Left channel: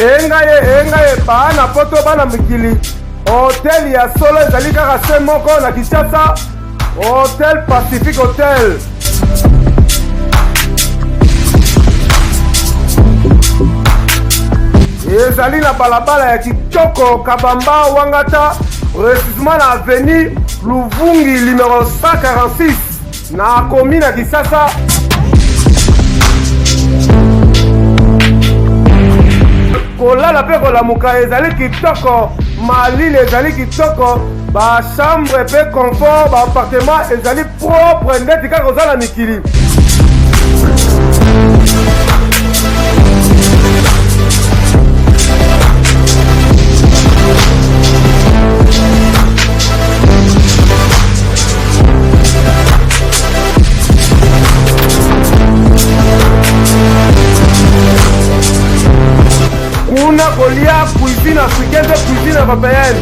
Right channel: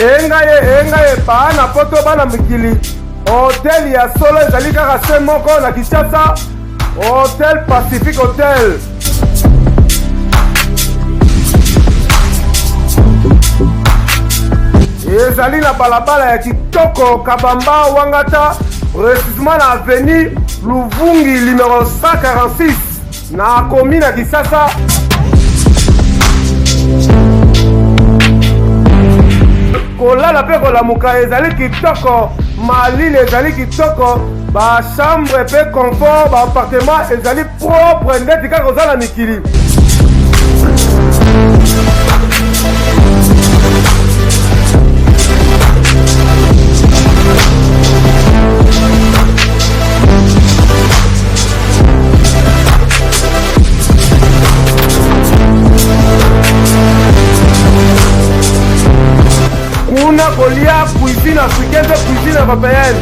engaye bana poto bana mikili hotel ya solo ezali kaka se moko na Kinshasa, Hotel Pacific Hotel. Ezali na balabala ya kitoko Kabamba Wangata, précisément na avenue Luvungi numéro 146 na commune ya Kinshasa. Kolala pe kolamuka ezali kitoko, malili ezali kitoko, ba chambre pe confort, ba appartement ezali propre ndeti kaka kozala mikili. Kuna kolia cuisine africaine, cuisine européenne.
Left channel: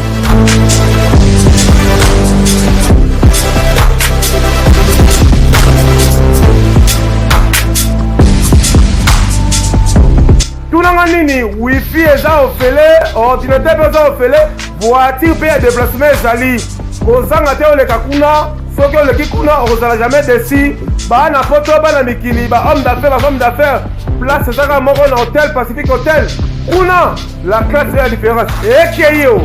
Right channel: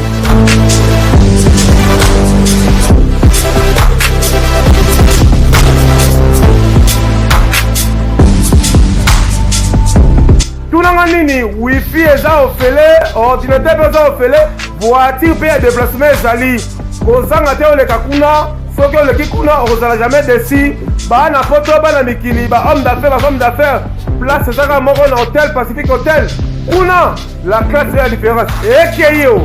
Tunanga nini wifi eza ofele, ordinateur eza ofele, voiture pe ya déplacement ezali. Kozanga te oleka kuna, soki oleki kuna ozala jamais déçu. Bana poto bana mikili, ba homme d'affaires, ba femme d'affaires. Place ezaka moko na Hotel Pacific Hotel. Una, la classe est la différence. Et qui est yo?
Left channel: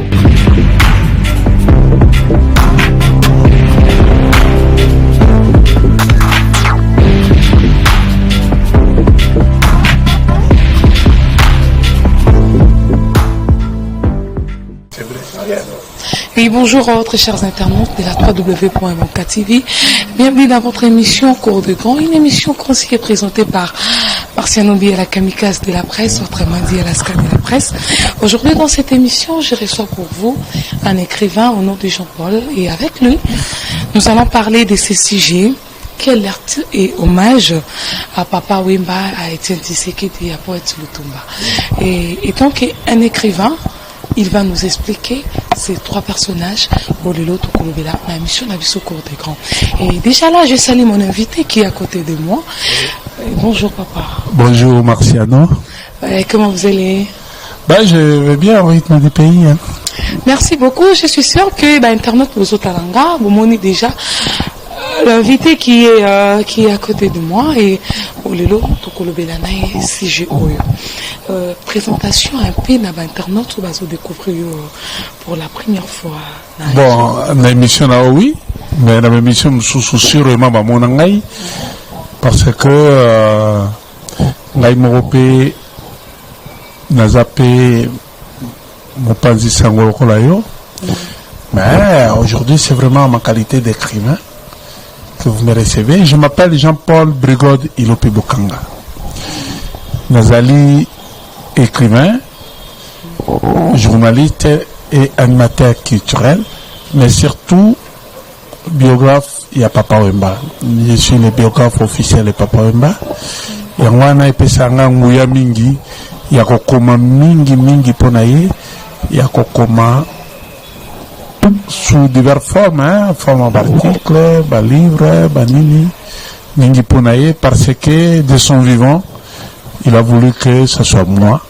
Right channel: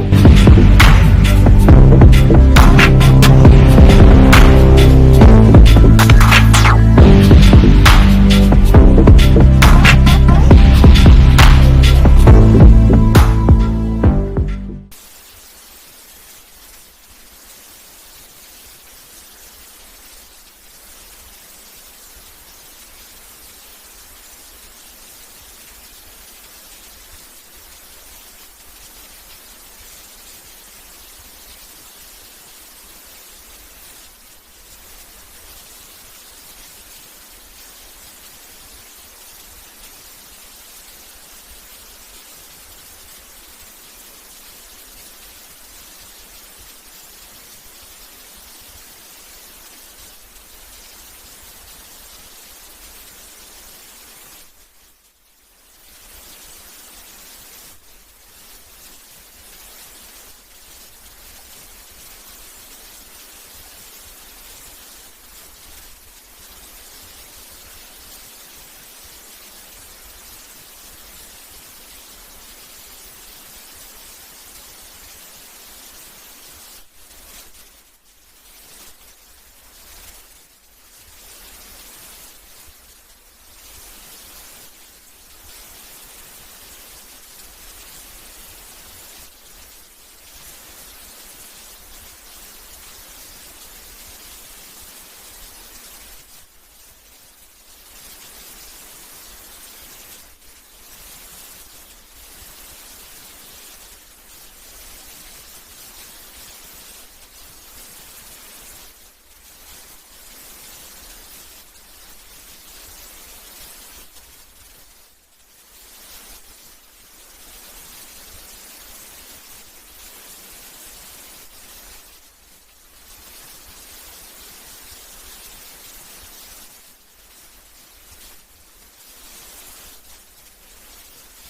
Oui, bonjour à votre chers internautes de la www.mk.tv. Bienvenue dans votre émission Cours de Grand, une émission qui est présentée par Marciano Bi à la kamikaze de la presse, autrement dit à la SCAN de la presse. Aujourd'hui, dans cette émission, je reçois pour vous un écrivain au nom de Jean-Paul, et avec lui, nous allons parler de ce sujet. Quel acte et hommage à Papa Wemba, à Étienne Tshisekedi et à Poète Lutumba. Et donc, un écrivain, il va nous expliquer ces trois personnages pour le lot de la mission d'Abisso Cours des Grands. Et déjà là, je salue mon invité qui est à côté de moi. Bonjour papa. Bonjour Marciano. Comment vous allez? Je vais bien au rythme du pays. Hein. Merci beaucoup. Je suis sûr que Internet vous Otalanga, vous m'avez déjà l'invité qui est à côté de moi et pour le lot de si je présentation un peu dans Internet où vous découvrir pour la première fois. Bon, l'émission là oui, mais la émission sous sûrement mon angai parce que ngai moropé nazapé mon panzi sango kolayo. Mais aujourd'hui c'est vraiment ma qualité d'écrivain que vous me recevez. Je m'appelle Jean-Paul Brigode Ilopi Bokanga. Nazali écrivain, journaliste et animateur culturel, mais surtout biographe, il y a Papa Wemba. Je suis le biographe officiel de Papa Wemba. Et on a épais sanga mouya mingi, il y a kokoma mingi ponaye, il y a kokoma sous diverses formes, forme d'articles, livres, nini, mingi ponaye, parce que de son vivant, il a voulu que ce soit moi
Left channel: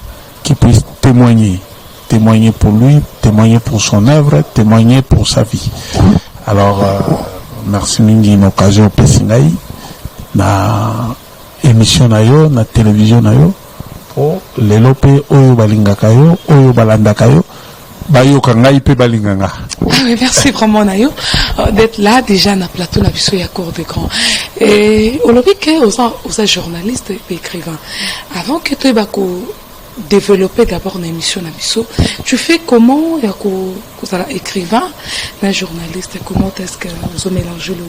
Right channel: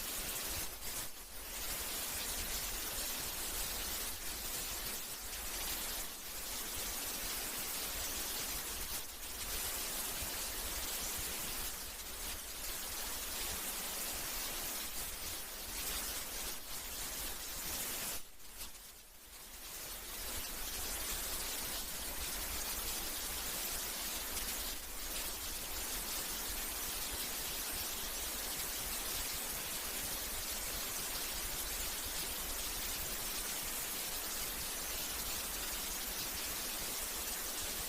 qui puisse témoigner pour lui, témoigner pour son œuvre, témoigner pour sa vie. Alors, merci mingi une occasion pesingai na émission nayo, na télévision nayo, pour les lopé oyo balingaka yo, oyo balandaka yo. Ah oui, merci vraiment Nayo d'être là déjà dans le plateau de la Cour des Grands. Et on l'a vu que aux journalistes et écrivains, avant que tu aies développé d'abord une émission Nabiso, tu fais comment vous êtes écrivain, un journaliste, comment est-ce que vous avez mélangé le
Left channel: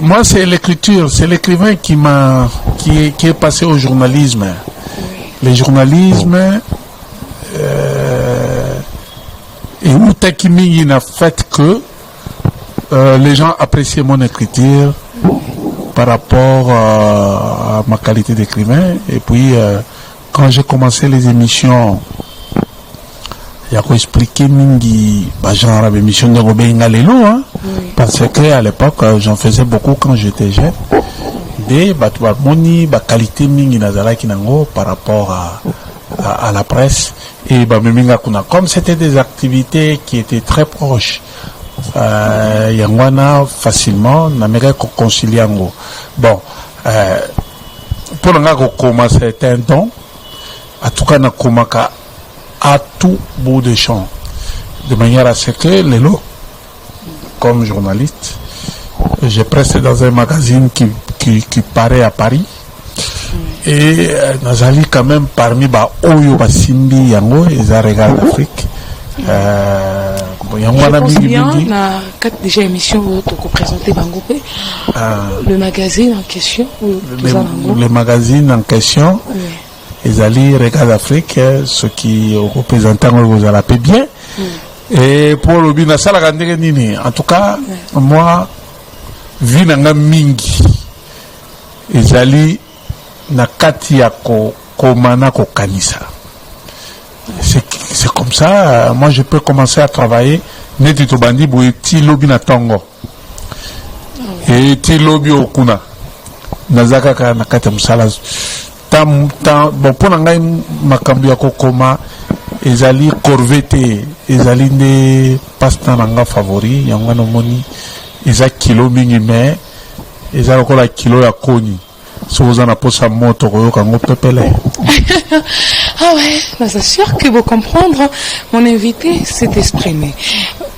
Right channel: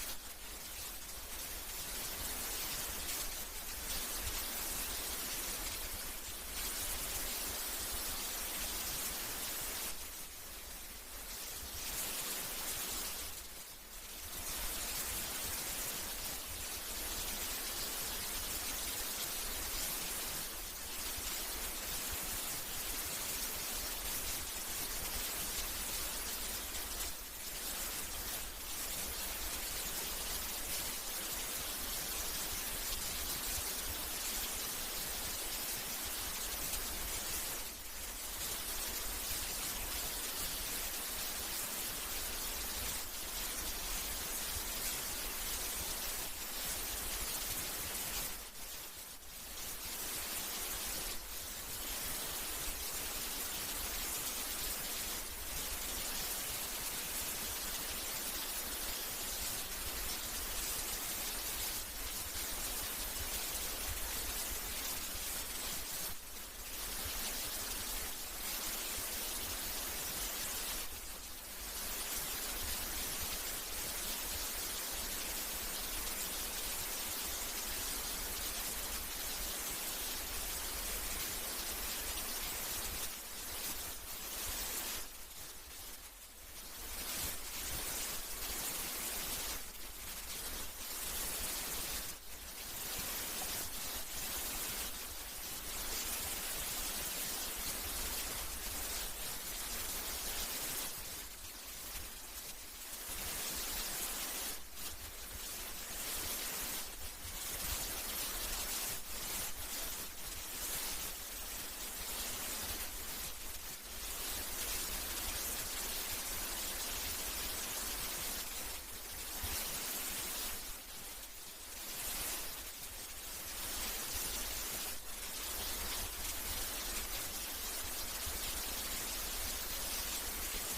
moi c'est l'écriture, c'est l'écrivain qui est passé au journalisme. Oui. Le journalisme et où Takimi n'a fait que les gens appréciaient mon écriture par rapport à ma qualité d'écrivain. Et puis quand j'ai commencé les émissions, il y a expliqué mingi genre émission de Robin Galelo, hein, parce que à l'époque j'en faisais beaucoup quand j'étais jeune. Des moni qualité mingi nazala kinango par rapport à la presse. Et comme c'était des activités qui étaient très proches, Yangwana facilement, n'amérique concilier. Bon, pour commencer, c'est un don. En tout cas, à tout bout de champ. De manière à ce que les lots, comme journaliste, j'ai pressé dans un magazine qui paraît à Paris. Et Nazali quand même parmi Oyo Basimbi Yango et Zaregal d'Afrique. Je pense bien, on a 4 déjà émissions où tu as présenté Bangopé. Le magazine en question. Le magazine en question. Les alliés Regal d'Afrique, ce qui représentent vous allez bien. Et pour le Bina Salaganderenini, en tout cas, moi, Vinanga Mingi, les alliés Nakati Yako Komana Kokanisa. C'est comme ça, moi je peux commencer à travailler. Netito Bandi Boueti Lobi na Tongo. Et Ti Lobi Okuna. Nazaka ka Nakata Musala. Bon, pour Nangai Makambi Yako Koma, Ezali Corvette, Ezali ne Pasta Nanga favori, Yangano Moni, Eza Kilo Minime, Eza Kola Kilo ya Koni. Si vous en avez sa moto, vous avez Ah ouais, c'est sûr que vous comprendre, mon invité s'est exprimé.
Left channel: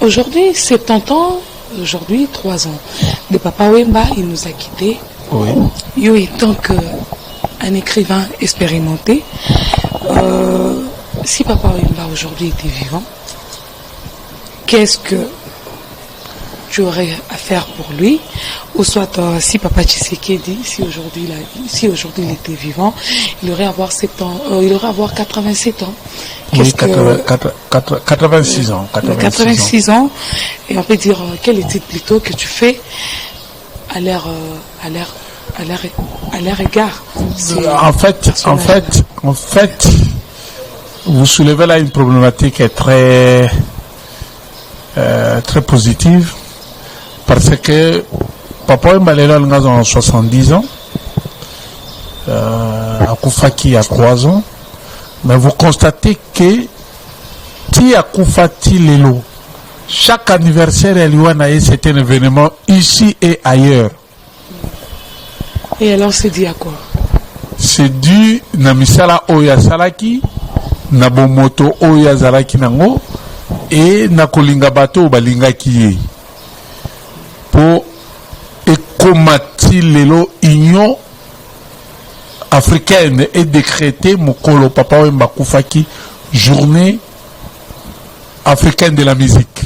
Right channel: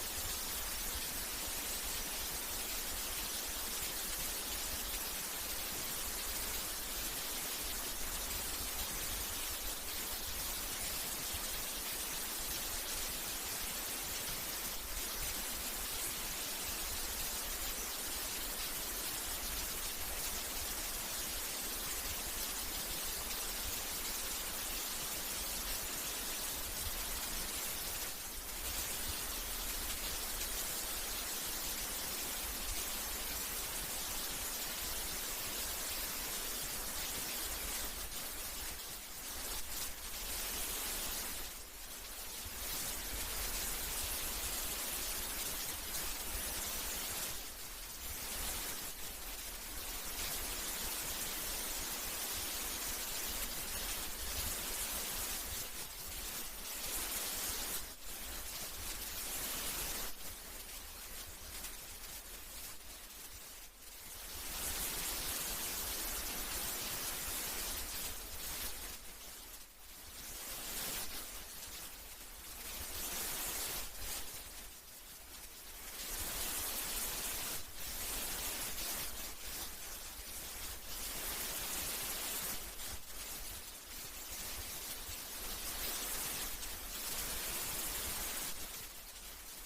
Aujourd'hui, 70 ans, aujourd'hui 3 ans. Le Papa Wemba, il nous a quittés. Oui. Yo étant qu'un écrivain expérimenté, si Papa Wemba aujourd'hui était vivant, qu'est-ce que tu aurais à faire pour lui, ou soit si Papa Tshisekedi, si aujourd'hui il était vivant, il aurait avoir 7 ans, il aurait avoir 87 ans. Oui, 86 ans. 86 ans. Et on peut dire quelle étude plutôt que tu fais à leur égard. En fait, vous soulevez là une problématique très positive. Parce que Papa Mbalela a 70 ans, Akoufaki a 3 ans, mais vous constatez que Ti Akoufati Lelo, chaque anniversaire c'est un événement ici et ailleurs. Et alors c'est dû à quoi? C'est dû na misala Oya Salaki, na Bomoto Oya Zalaki Nango, et na Kolinga Bato Balinga Kiye. Pour écomati l'Union africaine et décréter Mokolo Papa Wemba Koufaki journée africaine de la musique.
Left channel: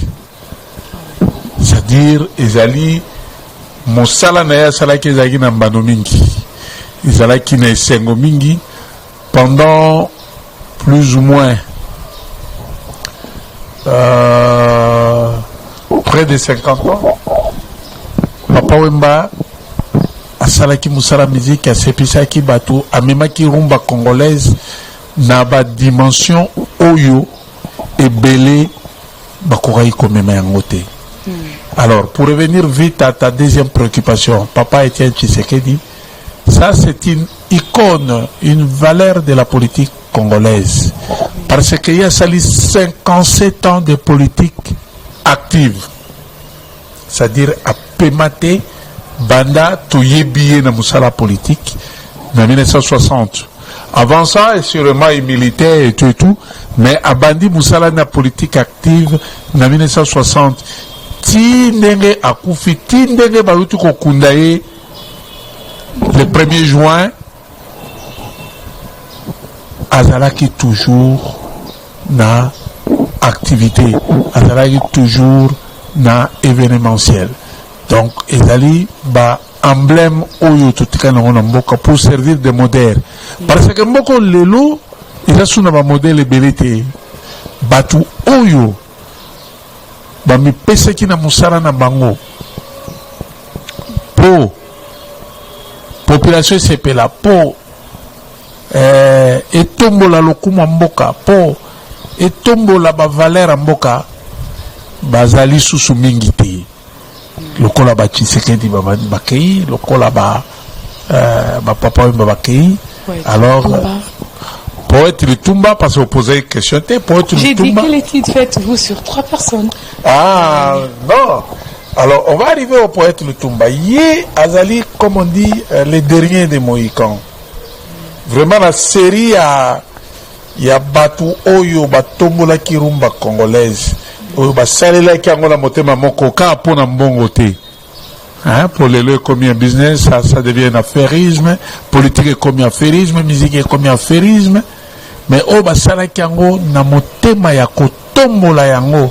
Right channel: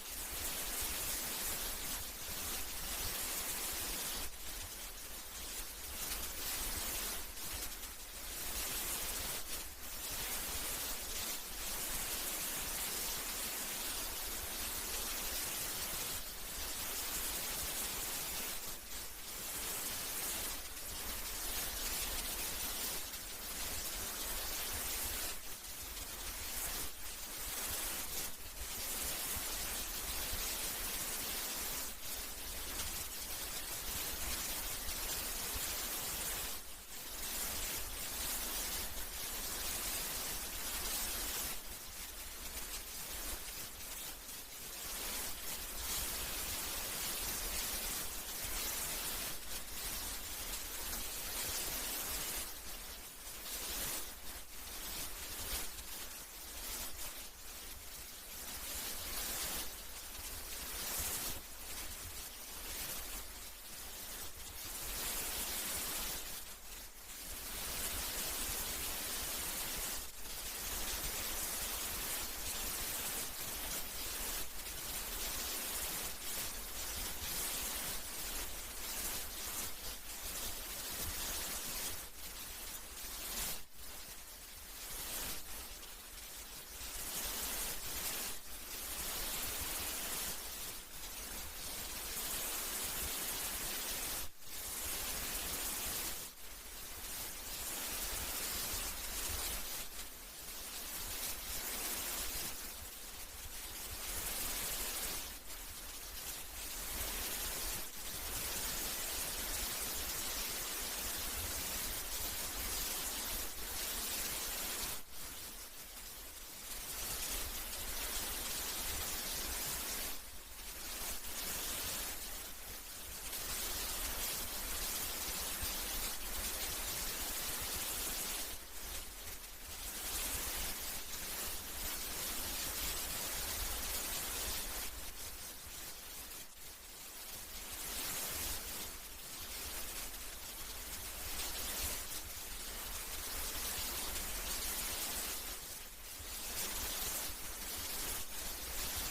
C'est-à-dire, Ezali, Mosala Naya Salaki Zagi Nambano Mingi, Ezalaki na Sengo Mingi, pendant plus ou moins près de 50 ans. Papa Wemba asalaki musala musique asepisaki bato amemaki rumba congolaise na ba dimension oyo ebele bakokai komema yango te. Alors pour revenir vite à ta deuxième préoccupation, Papa Étienne Tshisekedi, ça c'est une icône, une valeur de la politique congolaise, parce qu'il y a sali 57 ans de politique active, c'est-à-dire à Pemate, Banda, Toyebiye na Moussala politique, en 1960. Avant ça, sûrement, il militaire et tout, mais à Bandi Moussala na politique active, en 1960. Tindenge Akoufi, Tindenge Balutu Kokundaye, le 1er juin, Azalaki toujours na activité, Azalaki toujours na événementiel. Donc, ezali ba emblème oyo tutika na mboka pour servir de modèle. Parce que mboko lelo eza suna ba modèle belete batu oyo ba mi peseki na musala na bango po population sepela po etombola lokuma mboka po etombola ba valeur mboka bazali susu mingi te. Lokola ba Tshisekedi bakei, lokola ba Papa Wemba bakei. Alors Poète Lutumba, parce que vous posez une question. Poète J'ai dit Lutumba. quelle étude faites-vous sur 3 personnes? Ah, non. Alors, on va arriver au poète Lutumba. Yé Azali, comme on dit, les derniers des Mohicans. Vraiment, la série il y a Batu Oyo, Batombola Kirumba congolaise. Oyo, Basalela Kiangola Motema Moko, Kapona Mbongote. Hein, pour les lieux commis un business, ça devient un affairisme. Politique est commis affairisme, musique est commis affairisme. Mais Oyo, Basala Kiango, Namotema Yako, Tombola Yango.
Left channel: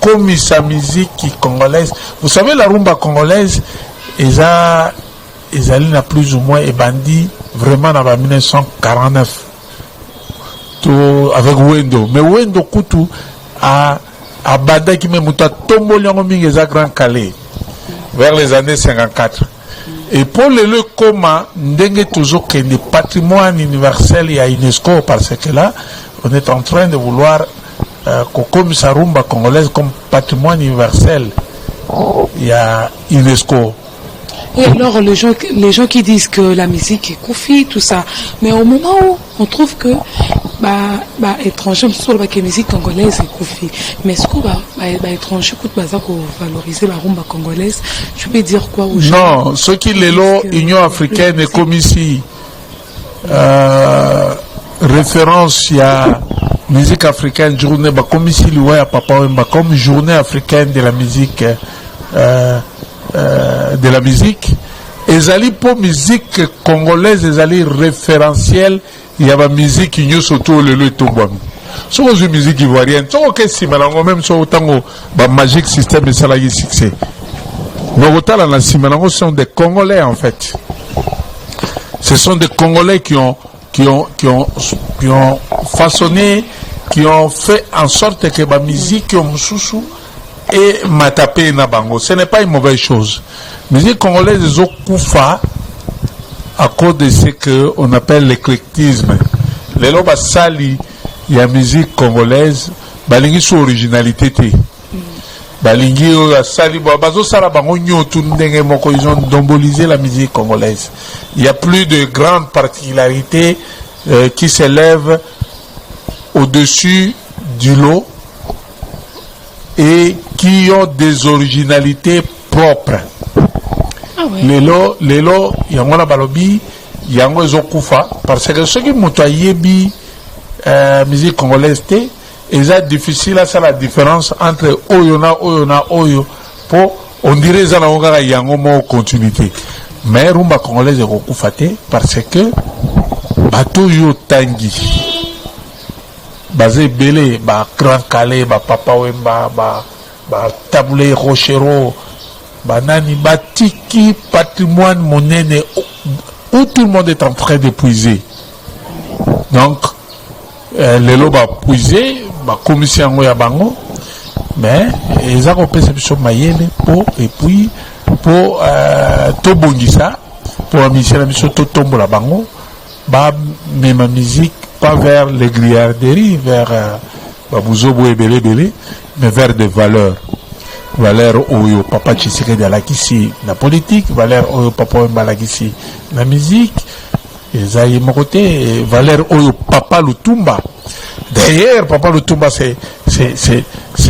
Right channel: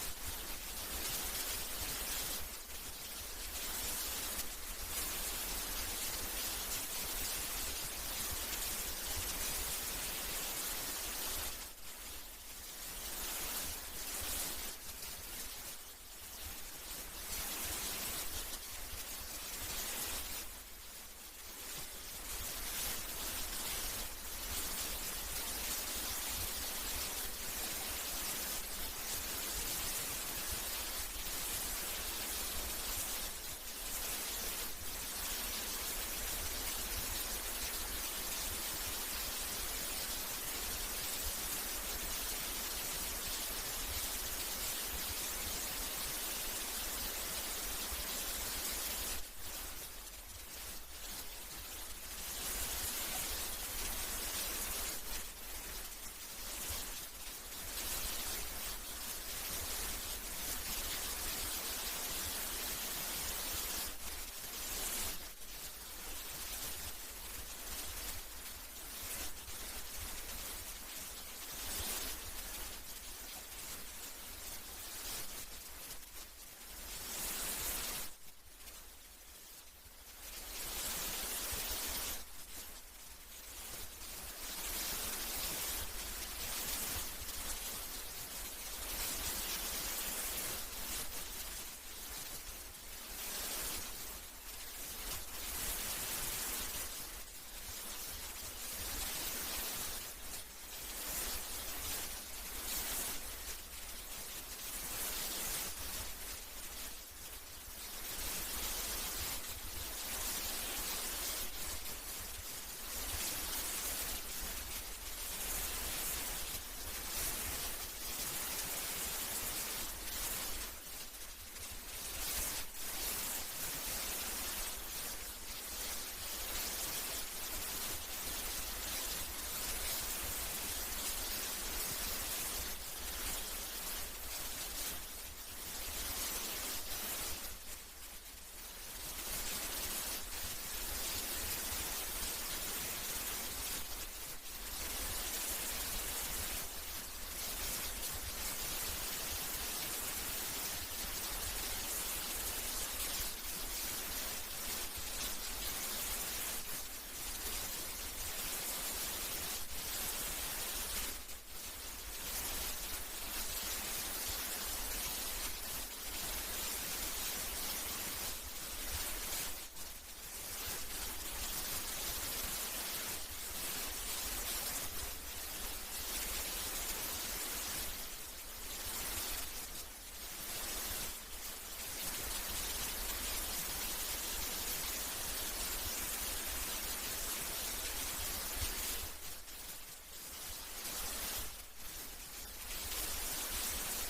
Comme sa musique congolaise. Vous savez, la rumba congolaise, ils n'a plus ou moins bandit vraiment en 1949. Tout avec Wendo. Mais Wendo Koutou a Bada qui me mouta Tomboliango Mingeza Grand Calais vers les années 54. Et pour le coma, n'dengue toujours que le patrimoine universel et à UNESCO, parce que là, on est en train de vouloir comme sa rumba congolaise comme patrimoine universel. Il y a UNESCO. Et alors, les gens qui disent que la musique est Koufi, tout ça, mais au moment où on trouve que étranger, sur la musique congolaise est Koufi, mais est-ce que étranger pour valoriser la rumba congolaise, tu peux dire quoi aux gens? Non, ce qui est là, Union africaine est comme ici. Référence, il y a musique africaine, journée, comme ici, Papa Wemba, comme journée africaine de la musique. De la musique, et pour musique congolaise, ils référentiel, il y a la musique qui nous surtout le tombam. Sur une musique ivoirienne, sur aucun simalango, même sur autant de magique système de salarié succès. Mais autant dans la simalango sont des Congolais en fait. Ce sont des Congolais qui ont façonné, qui ont fait en sorte que la musique sous et matapé na bango. Ce n'est pas une mauvaise chose. Mais les Congolais ont koufa à cause de ce qu'on appelle l'éclectisme. Les loba sali, il y a musique congolaise, balingi sur originalité. Balingi sali, bazo sala bango nyotu ndenge moko, ils ont dombolisé la musique congolaise. Il y a plus de grandes particularités qui s'élèvent au-dessus du lot et qui ont des originalités propres. Ah ouais. Les lots, yango la balobi, yango ezokufa, parce que ceux qui motoyebi musique congolaise, c'est difficile à faire la différence entre oyo, pour, on dirait ça na yango mo continuité. Mais rumba congolaise ezokufa parce que bato yo tangi. Basé belé, Grand Calais, Papa Wemba, Taboulé Rochero, Nani, Tiki, patrimoine monnaie, où tout le monde est en train d'épuiser. Donc, les lots va puiser, commission ya bango, mais ils ont perception mayele et puis pour Tobongisa, pour la mission Totombo la bango, même ma musique. Pas vers les grillarderies, vers Babouzobo et Belé, mais vers des valeurs. Valeurs où Papa Tshisekedi alakisi la politique, valeurs où Papa Wemba alakisi la musique, et Zaïe Mokoté, valeurs où Papa Lutumba. D'ailleurs, Papa Lutumba, c'est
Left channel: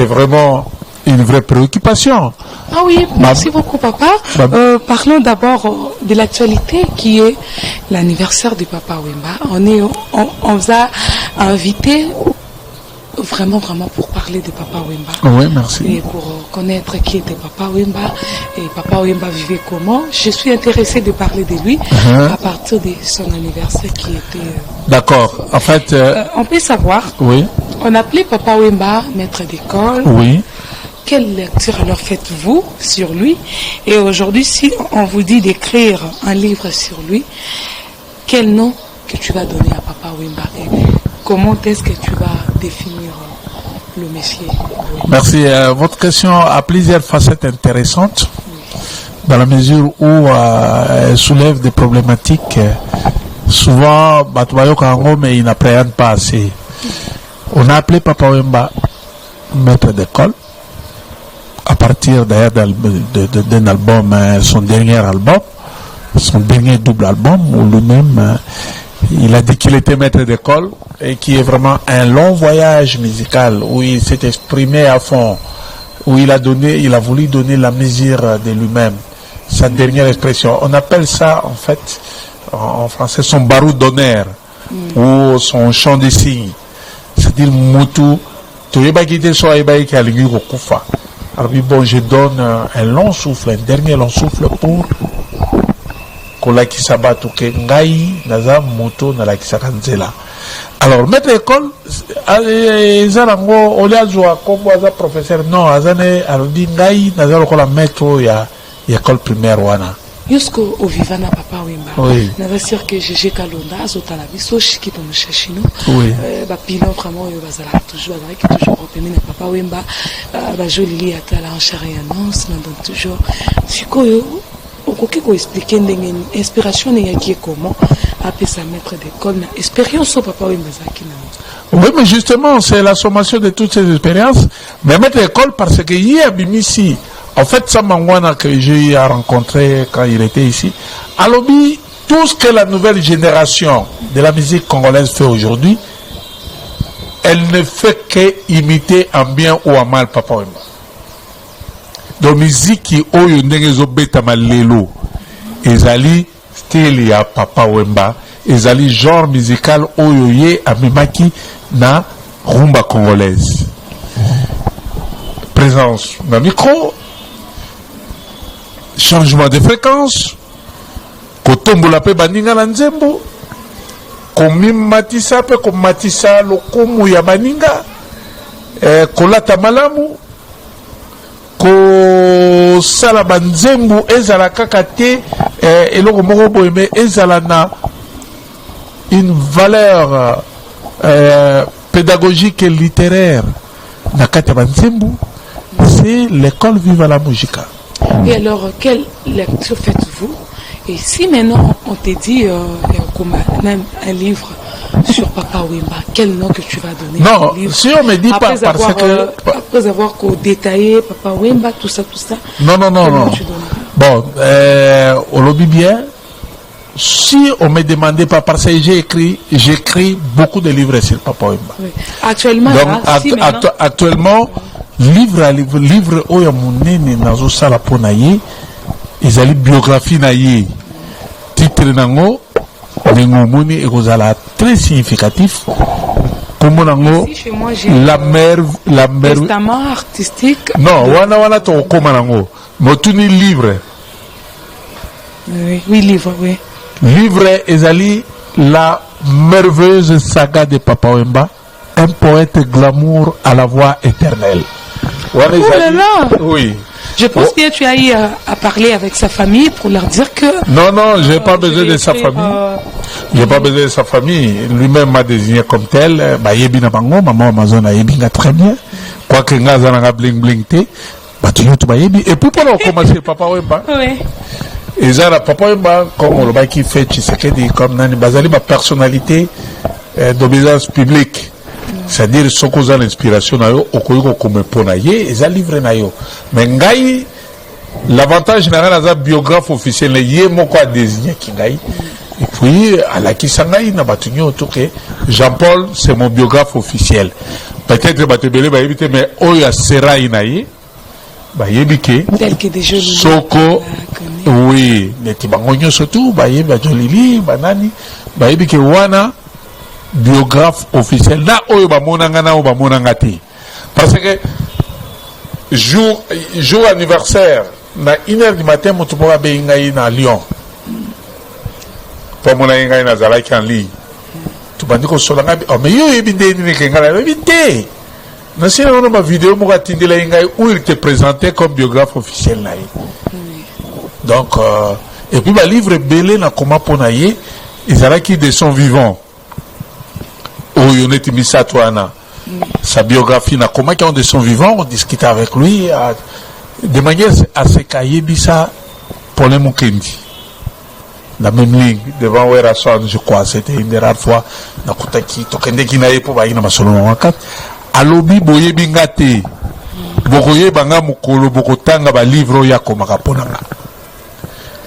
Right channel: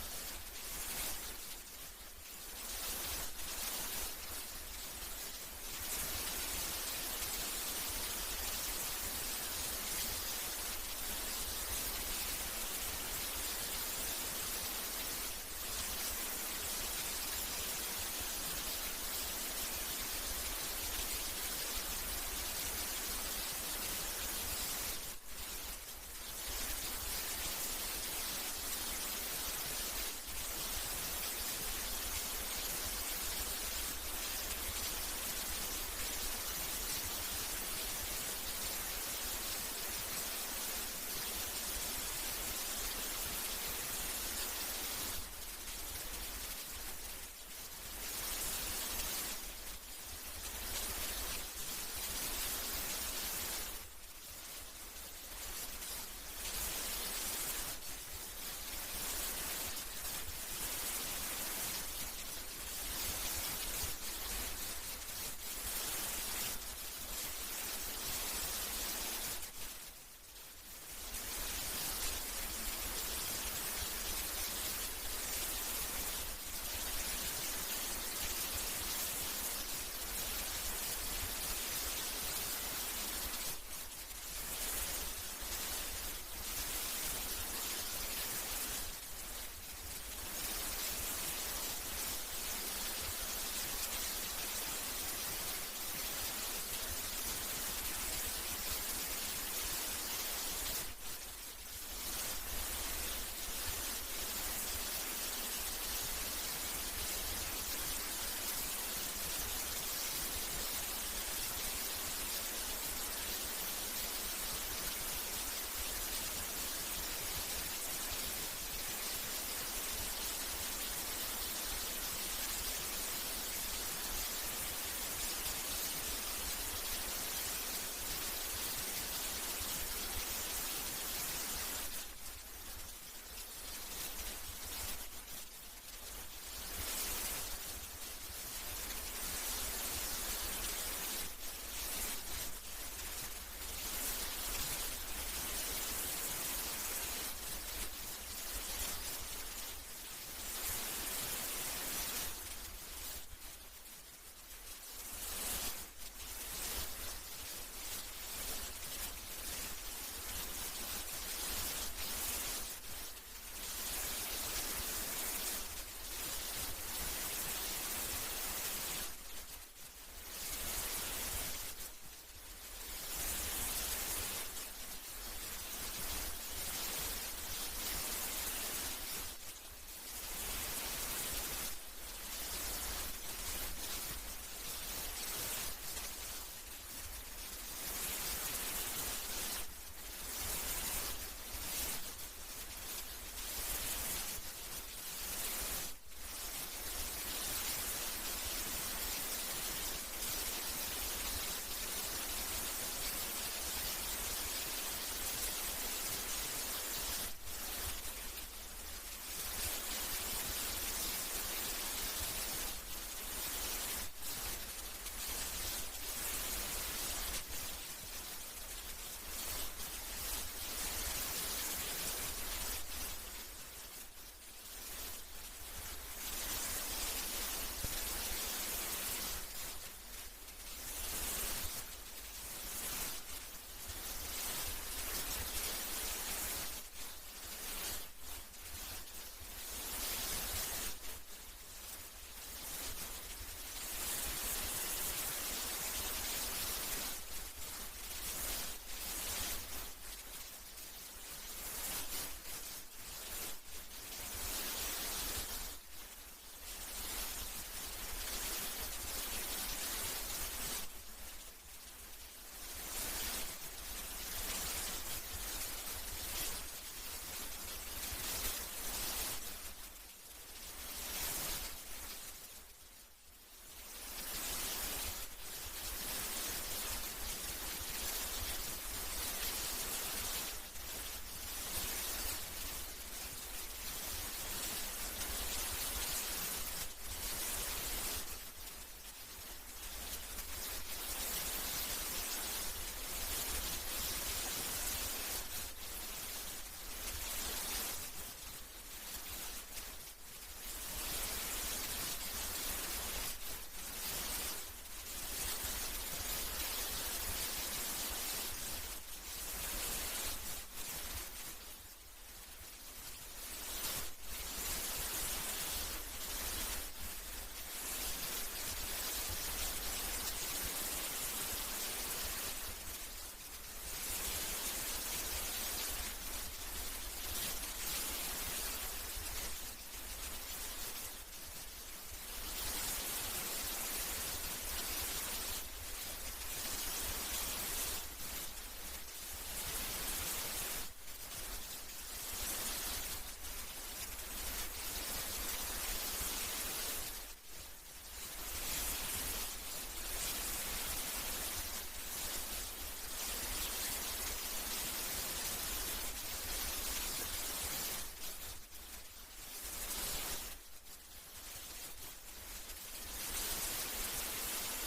vraiment une vraie préoccupation. Ah oui, merci beaucoup papa. Parlons d'abord de l'actualité qui est l'anniversaire du Papa Wemba. On vous a invité vraiment pour parler de Papa Wemba. Oui, merci. Et pour connaître qui était Papa Wemba et Papa Wemba vivait comment. Je suis intéressé de parler de lui à partir de son anniversaire qui était... D'accord. En fait... on peut savoir. Oui. On appelait Papa Wemba maître d'école. Oui. Quelle lecture alors faites-vous sur lui? Et aujourd'hui, si on vous dit d'écrire un livre sur lui, quel nom que tu vas donner à Papa Wemba? Et comment est-ce que tu vas définir le monsieur? Merci. Votre question a plusieurs facettes intéressantes, dans la mesure où elle soulève des problématiques. Souvent, mais il n'appréhende pas assez. On a appelé Papa Wemba maître d'école, à partir d'ailleurs d'un album, son dernier album, son dernier double album, où lui-même Il a dit qu'il était maître d'école et qui est vraiment un long voyage musical où il s'est exprimé à fond, où il a voulu donner la mesure de lui-même, sa dernière expression. On appelle ça en fait en français son barou d'honneur ou son chant de signe. C'est-à-dire Moutou, alors bon, je donne un long souffle, un dernier long souffle pour kolaki sabatu ke ngai naza moto na la kisakanzela. Alors maître école zarango oliazwa comme aza professeur non azane alodi ngai naza lokola maître ya école primaire wana Yusko ovivana papa wimba. Oui. Nava sûr que Gégé Kalonda azotala biso shiki pour mushashino. Oui. Ba pilon vraiment yo bazala toujours avec toujours repémé na papa wimba ba joli atala en charianance donc toujours sikoyo okoki ko expliquer ndenge inspiration ne yaki comment appeler sa maître d'école na expérience au papa wimba zaki na. Oui, mais justement, c'est la sommation de toutes ces expériences. Mais maître d'école, parce que hier, Bimisi, en fait, Samangwana que j'ai eu à rencontrer quand il était ici, à l'objet, tout ce que la nouvelle génération de la musique congolaise fait aujourd'hui, elle ne fait qu'imiter en bien ou en mal Papa Wemba. Donc, musique qui oyo ndengezo beta malelo, ezali style ya Papa Wemba, ezali genre musical oyo ye amemaki na rumba congolaise. Présence d'un micro, changement de fréquence, kotombola pe baninga na nzembo, komimatisa pe komatisa lokumu ya baninga, kolata malamu, kosala banzembo ezala kaka te, eloko moko boyeme ezala na une valeur pédagogique et littéraire na kata banzembo, c'est l'école Viva la Musica. Et alors, quelle lecture faites-vous? Et si maintenant on te dit même un livre sur Papa Wemba, quel nom que tu vas donner? Non, si on me dit pas parce que... Après avoir détaillé Papa Wemba, tout ça. Non. Bon, on le dit bien. Si on me demandait pas, parce que j'écris beaucoup de livres sur Papa Wemba. Oui. Actuellement, donc, actuellement, livre oya munene nazo sala pona ye, ezali biographie na ye. Titre nango ngomoni ekozala très significatif. Comme nango la testament artistique. Non, wana to koma nango. Motuni livre. Oui, livre, oui. Livre ezali la merveilleuse saga de Papa Wemba, un poète glamour à la voix éternelle. Oh là là! Oui. Je pense bien que tu as eu à parler avec sa famille pour leur dire que... Non, je n'ai pas besoin de sa famille. Je n'ai pas besoin de sa famille. Lui-même m'a désigné comme tel. Yebina bango, maman Amazon a yebinga très bien. Quoique ngazana bling bling te. Et puis pour commencer, Papa Wemba. Oui. Et ça, Papa Wemba, comme on l'a qui fait, Tshisekedi, comme Nani Bazali, ma personnalité d'obéissance publique. C'est-à-dire, ce qu'on a l'inspiration, comme Ponaye, et ça livre nayo. Mais Ngaï, l'avantage général, c'est biographe officiel, il mon quoi désigné Kingaï. Et puis, à la Kisangaï, n'a pas tenu autour que Jean-Paul, c'est mon biographe officiel. Peut-être, mais Oya Sera Inaï, tel que des jeux Soko, oui, mais Tibangonyo surtout, Jolili, Banani, Wana, biographe officiel na oyo bamonanga na bamonanga te parce que jour anniversaire na 1h du matin moto mo ba ngai na Lyon pour mon ngai na zalaki en ligne tu bandi ko solanga mais yo ebinde ni ke ngala ebinde na sina ono ma vidéo mo katindela ngai où il te présentait comme biographe officiel na donc et puis ba livre belé na comment ponaye izalaki de son vivant. Sa biographie, comment ils ont de son vivant, on discutait avec lui de manière à ce qu'Ayebisa Paulin Mukendi, la même ligne devant Werason, je crois, c'était une des rares fois, Nakutaki, Tokendeki Naye pour Baïna Masolon Wakat, Alobi Boye Bingate, Bokoye Banga Mukolo, Bokotanga, Livre Yakomaka Ponanga.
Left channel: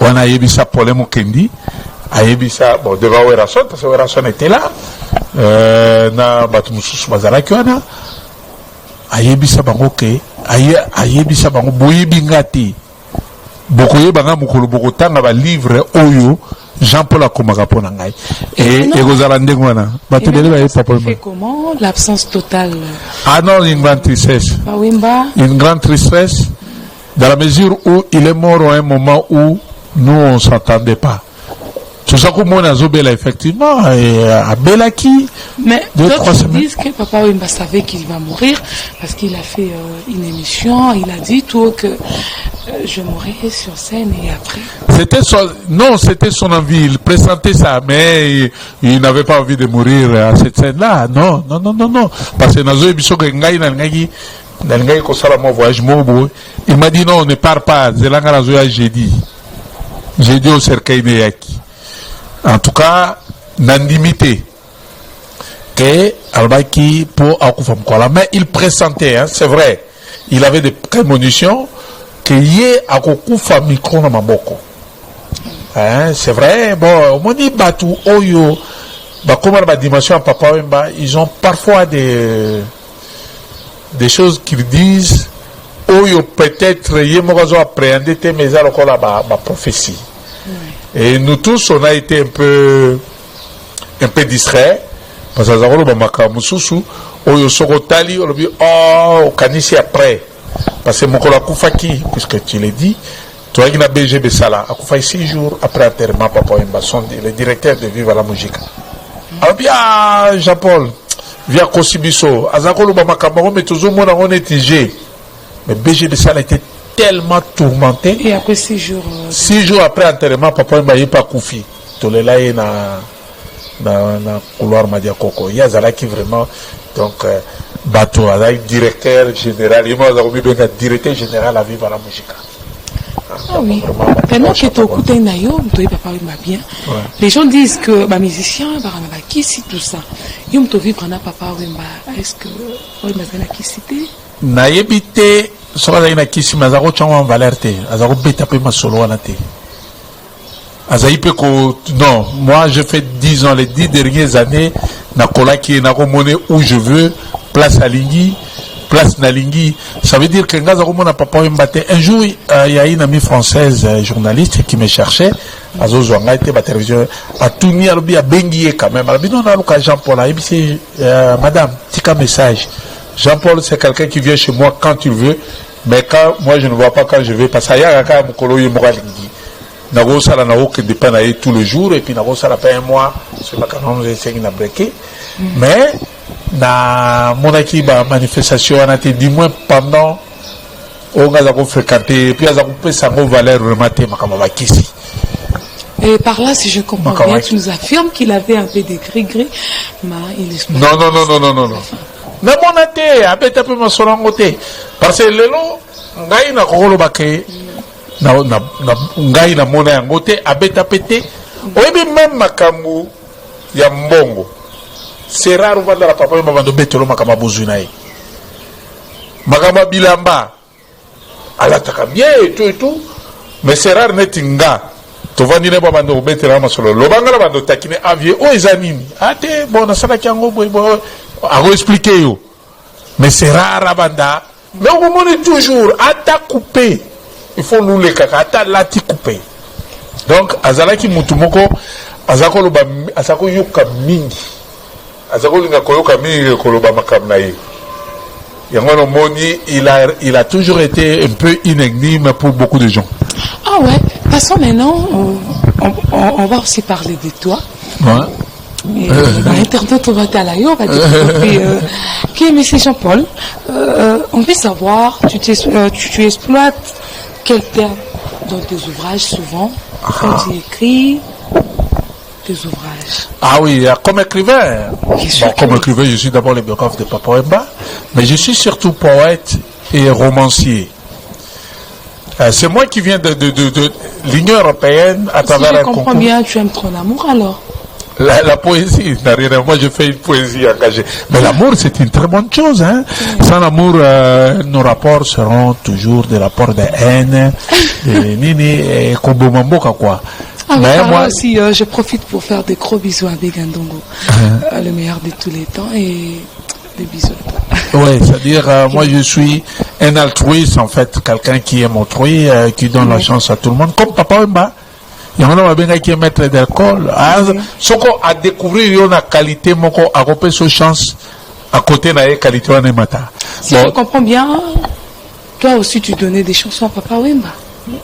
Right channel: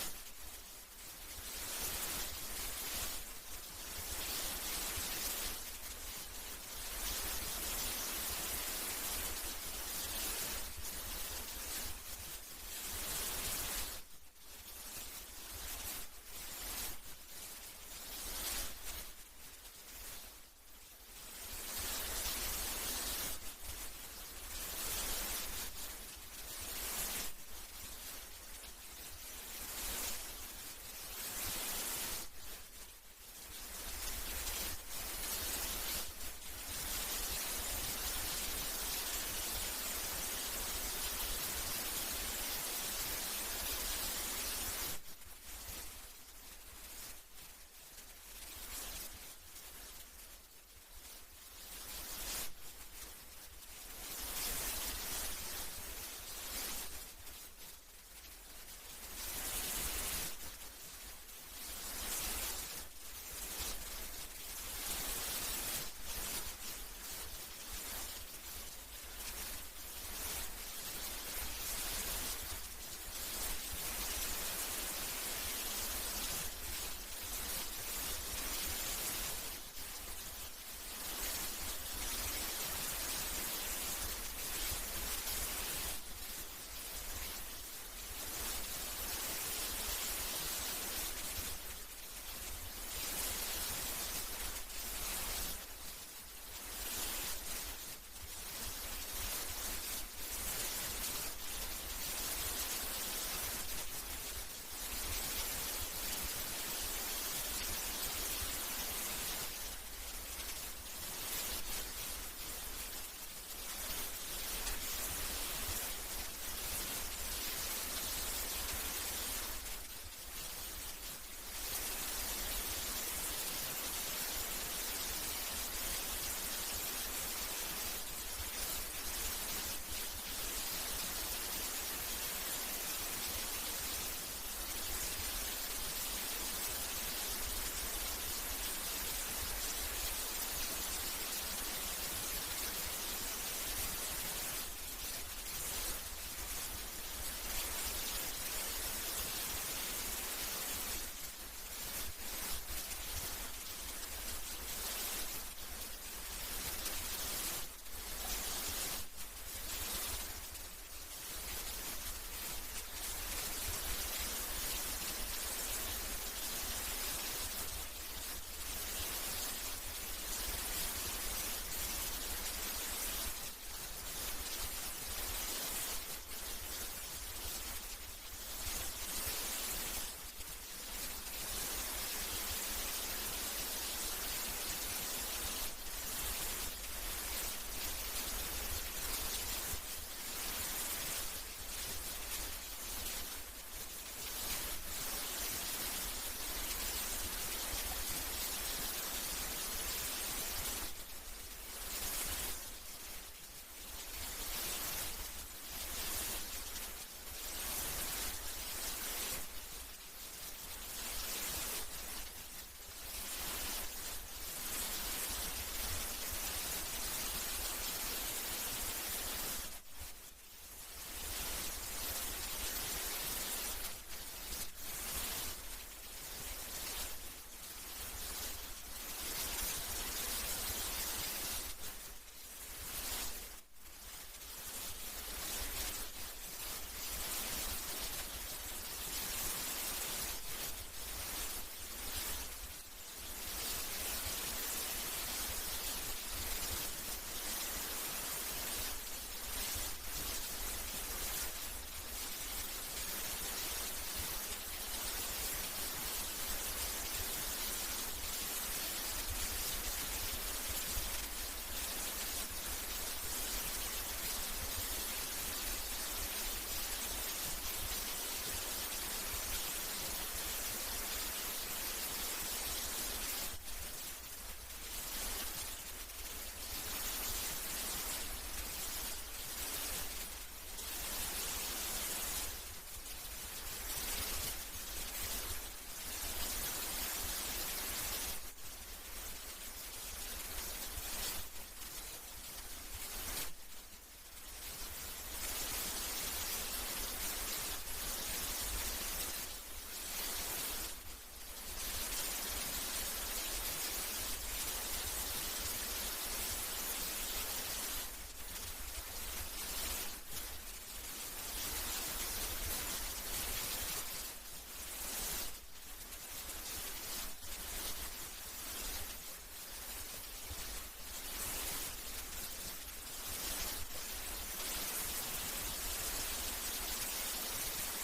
On a Yebisa Paulin Mukendi, ayebisa bon devant Werason parce que Werason était là na batu mususu bazalaki wana ayebisa bango ke ayebisa bango boyebi ngati bokoyeba nga mokolo bokotanga ba livre oyo Jean-Paul akomaka mpona ngai ekozala ndenge wana bato bele bayebi Papa Wemba. Comment l'absence totale? Ah non, une grande tristesse. Une grande tristesse dans la mesure où il est mort à un moment où nous on ne s'entendait pas. Tout ça comme on a Zobela effectivement à Belaki. Mais d'autres disent que Papa Wemba savait qu'il va mourir parce qu'il a fait une émission, il a dit tout que je mourrai sur scène et après. C'était son envie, il pressentait ça, mais il n'avait pas envie de mourir à cette scène-là. Non. Parce que Nazo Ebiso voyage il m'a dit non, ne pars pas. J'ai dit au cercueil de Yaki. En tout cas, n'andimité que Albaki pour Akufam Kola. Mais il pressentait, hein, c'est vrai. Il avait des prémonitions que yé Akufa micro na maboko. Hein, c'est vrai. Bon, moni batu oyo, comme la dimension à Papa Wemba, ils ont parfois des choses qu'ils disent oyo peut-être yé morazo appréhendé te mais alors qu'on a ma prophétie. Et nous tous, on a été un peu distraits parce que Zagolo Bamaka Mususu, Oyo Sorotali, on a dit oh, Kanisi après. Parce que Mokola Koufaki, puisque tu l'as dit, toi qui as BGB Sala, a Koufaki 6 jours après l'enterrement, Papa Wemba, le directeur de Viva la Musique. Alors bien, Jean-Paul, via Kosibiso, Azagolo Bamaka, mais toujours mon on est tigé. Mais BGB Sala était tellement tourmenté. Et après 6 jours. 6 jours après l'enterrement, Papa Wemba n'est pas Koufi. Tout le là est dans couloir Madia Koko. Il y a Zala qui vraiment. Donc, Bato, directeur général. Il m'a dit directeur général à Viva la Musique. Ah oui. Maintenant que tu écoutes un aïe, tu Papa Wemba bien. Les gens disent que les musiciens, qui cite tout ça. Ils ont vivre en Papa Wemba. Est-ce que Wemba a qui cité? Naïbité. Soka na kisi mazaro changwa valeur te azaro beta pe masolo wana te azaipe ko non moi je fais 10 ans les 10 dernières années na kolaki na komone où je veux place à Lingui place na Lingui ça veut dire que ngaza komona Papa Wemba te un jour il y a une amie française journaliste qui me cherchait azo zwanga te ba télévision a tourné alobi a bengié quand même alobi non na luka Jean-Paul a c'est madame tika message. Jean-Paul, c'est quelqu'un qui vient chez moi quand tu veux, mais quand moi je ne vois pas quand je vais, parce qu'il y a un mokolo yemoralingui. Nago sala na oke dépend d'aller tous les jours, et puis nago sala pas un mois, c'est pas quand on essaie de breaker. Mais, na monaki ba manifestation, on a été du moins pendant, on a fréquenté, et puis on a coupé sa valeur rematée, makamaba kisi. Et par là, si je comprends bien, tu nous affirmes qu'il avait un peu de gris-gris, mais il est... Non. Na monate abeta pe masolongo te parce que lelo ngai na kokolo bake na ngai na mona yango te abeta pete oyebi même makambu ya mbongo c'est rare vanda la Papa Wemba bando betelo makama bozu na ye makama bilamba alataka bien et tout mais c'est rare netinga to vandi ne bando betela masolo lobanga la bando takine avier o ezanini ate bona sala kyango boy à expliquer yo. Mais c'est rare à Banda. Mais au moment toujours, à ta coupé. Il faut nous les caca, à ta lati coupé. Donc, Azalaki Mutumoko, Azako Yoka Mingi. Azako Yoka Mingi, Koloba Makamnaye. Yangono Moni, il a toujours été un peu une énigme pour beaucoup de gens. Ah ouais, passons maintenant, on va aussi parler de toi. Ouais. Internet, on va t'aller, on va dire. Qui est M. Jean-Paul? On veut savoir, tu exploites quel terme dans tes ouvrages souvent quand tu écris tes ouvrages? Ah oui, comme écrivain. Comme écrivain, je suis d'abord le biographe de Papa Wemba, mais je suis surtout poète et romancier. C'est moi qui viens de l'Union européenne à travers un concours. Je comprends bien, tu aimes trop l'amour alors? La poésie, moi je fais une poésie engagée. Mais l'amour, c'est une très bonne chose. Hein? Sans l'amour, nos rapports seront toujours des rapports de haine, et Kobomamboka quoi. Ah, oui, Mais moi aussi, je profite pour faire des gros bisous à Begandongo, le meilleur de tous les temps, et des bisous. Oui, c'est-à-dire, moi je suis un altruiste en fait, quelqu'un qui aime autrui, qui donne la chance à tout le monde, comme Papa Wemba. Il y en a qui est maître d'alcool. Ce qu'on a découvert, il y a une qualité, à repérer sa chance à côté de la qualité de matin. Si je comprends bien, toi aussi tu donnais des chansons à Papa Wemba.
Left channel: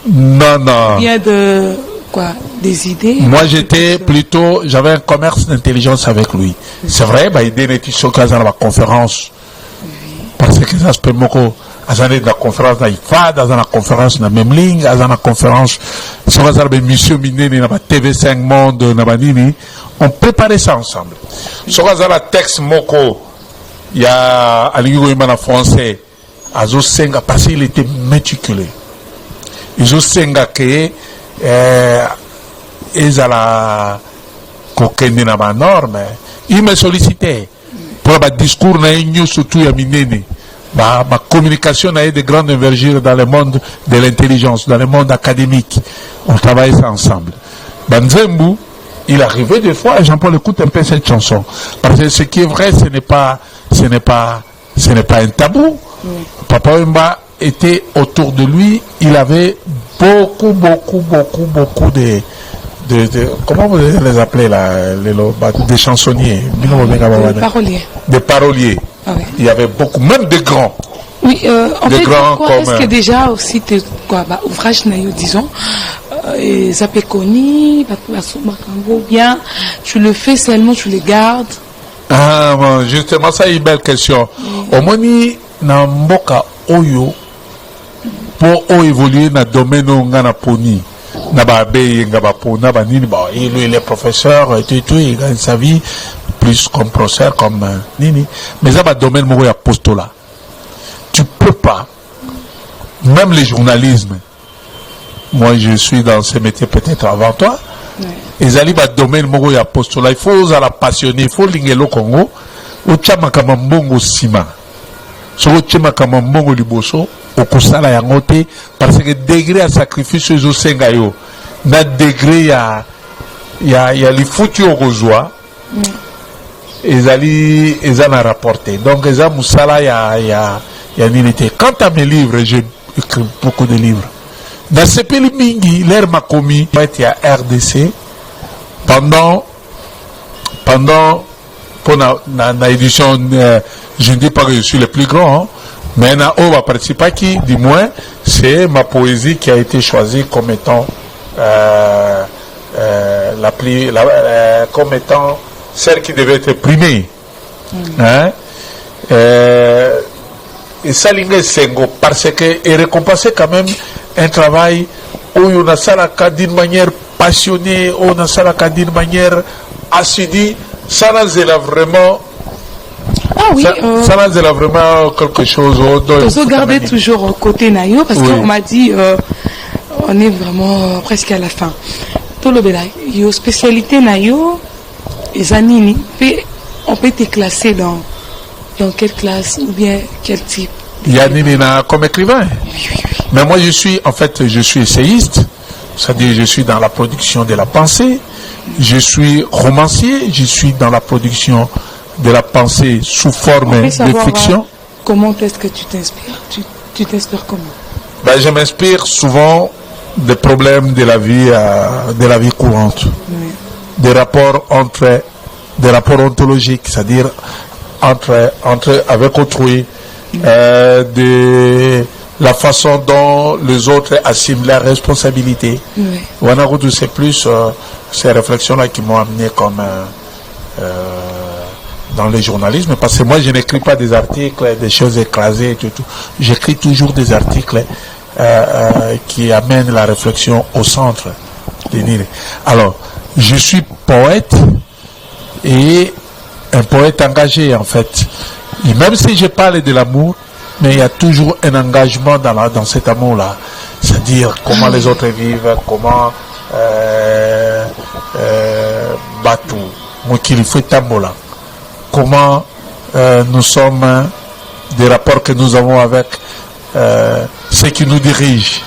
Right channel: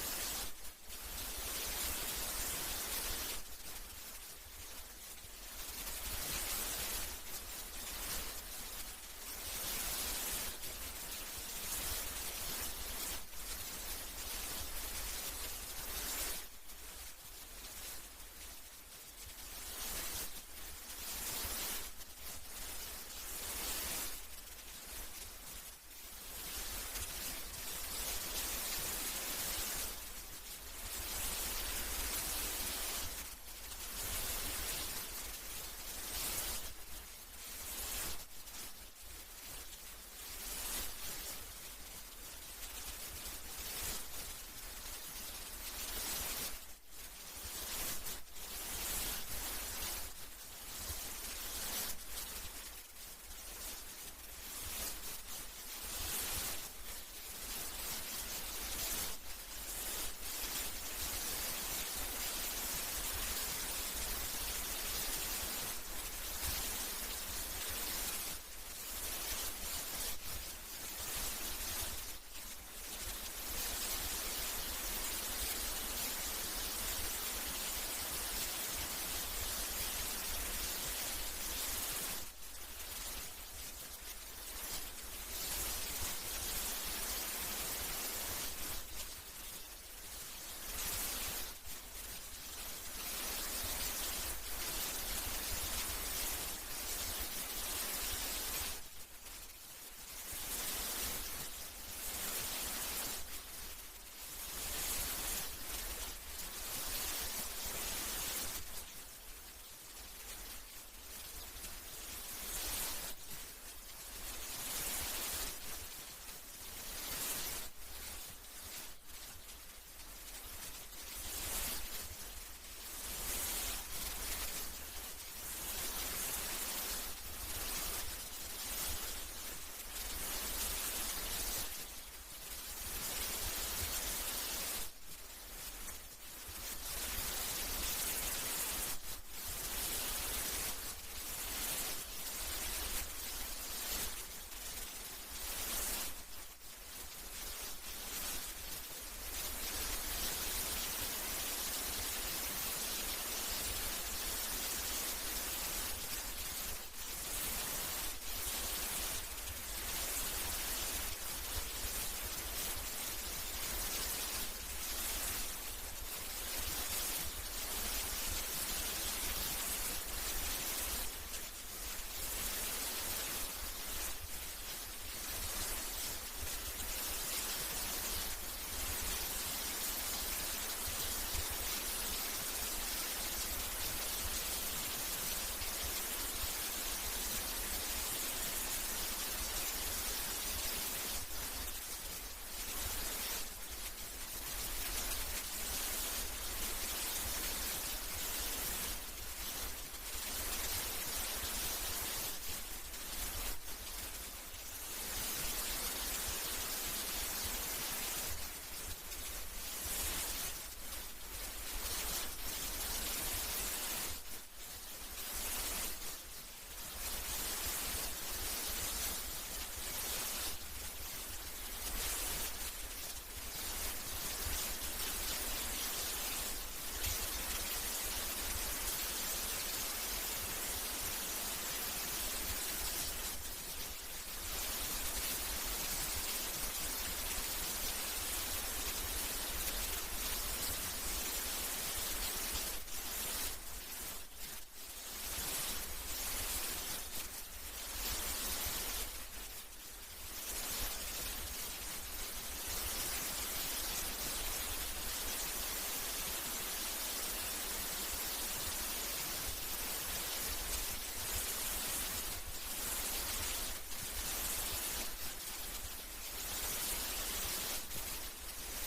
Non, non. Bien de quoi, des idées. Moi j'étais plutôt, j'avais un commerce d'intelligence avec lui. C'est vrai, il donnait des choses dans la conférence. Parce que ça se peut beaucoup. Dans la conférence dans IFA, dans la conférence dans Memling, dans la conférence sur la mission minée dans la TV5 Monde, dans la Nini, on préparait ça ensemble. Sur la texte Moko, il y a à l'Union français, à Zosenga, parce qu'il était méticuleux. Zosenga que ils à la coquine dans la norme, il me sollicitait pour le discours na surtout à Minene. Ma communication a eu de grandes envergures dans le monde de l'intelligence, dans le monde académique. On travaille ça ensemble. Banzembu, il arrivait des fois, Jean-Paul écoute un peu cette chanson. Parce que ce qui est vrai, ce n'est pas un tabou. Papa Wemba était autour de lui, il avait beaucoup de comment vous les appelez là, des chansonniers, des paroliers. Ah ouais. Il y avait beaucoup, même des grands. Oui, en des fait, grands comme est-ce que déjà aussi, ouvrage, disons, Zapekoni, bien, tu le fais seulement, tu les gardes. Ah, bon, justement, ça est une belle question. Au moins, na mboka oyo, pour évoluer dans le domaine où on a poni. Il est professeur, il gagne sa vie plus comme professeur, comme Nini. Mais ça va domaine où il y a postulat. Tu peux pas, même les journalismes, moi je suis dans ce métier peut-être avant toi, ils allaient dans le domaine où il y a postulat. Il faut la passionner, il faut l'ingélo Congo, au Tchamakambongo Sima, sur le Tchamakambongo Liboso. Okusala yangote parce que degré à sacrifice aux sengayo na degré ya les foutus au rejoie ils en a rapporté donc ils ont musala ya nilité. Quant à mes livres, j'ai écrit beaucoup de livres dans ce pays mingi l'air m'a commis il y a RDC pendant pour la édition je ne dis pas que je suis le plus grand hein, mais on va participer qui, du moins, c'est ma poésie qui a été choisie comme étant comme étant celle qui devait être primée. Hein? Et ça, Sengo, parce que est récompensé quand même un travail où on a ça d'une manière passionnée, où on a ça d'une manière assidue, ça là vraiment. Ah oui, ça là vraiment quelque chose. Il faut garder toujours côté Nayo parce oui. qu'on m'a dit on est vraiment presque à la fin. Tout le bélaï, yo spécialité Nayo, les anini, on peut te classer dans quelle classe ou bien quel type? Yanini comme écrivain. Oui. Mais moi je suis essayiste, c'est-à-dire je suis dans la production de la pensée, je suis romancier, je suis dans la production de la pensée sous forme de fiction. Comment est-ce que tu t'inspires? Tu t'inspires comment? Ben, je m'inspire souvent des problèmes de la vie courante, des rapports ontologiques, c'est-à-dire entre avec autrui, de la façon dont les autres assument leurs responsabilités. C'est plus ces réflexions-là qui m'ont amené comme dans le journalisme, parce que moi je n'écris pas des articles, des choses écrasées et tout. J'écris toujours des articles qui amènent la réflexion au centre. Alors, je suis poète et un poète engagé en fait. Et même si je parle de l'amour, mais il y a toujours un engagement dans cet amour-là. C'est-à-dire comment les autres vivent, comment Batou, Mokilifou Tambola. Comment nous sommes, des rapports que nous avons avec ceux qui nous dirigent,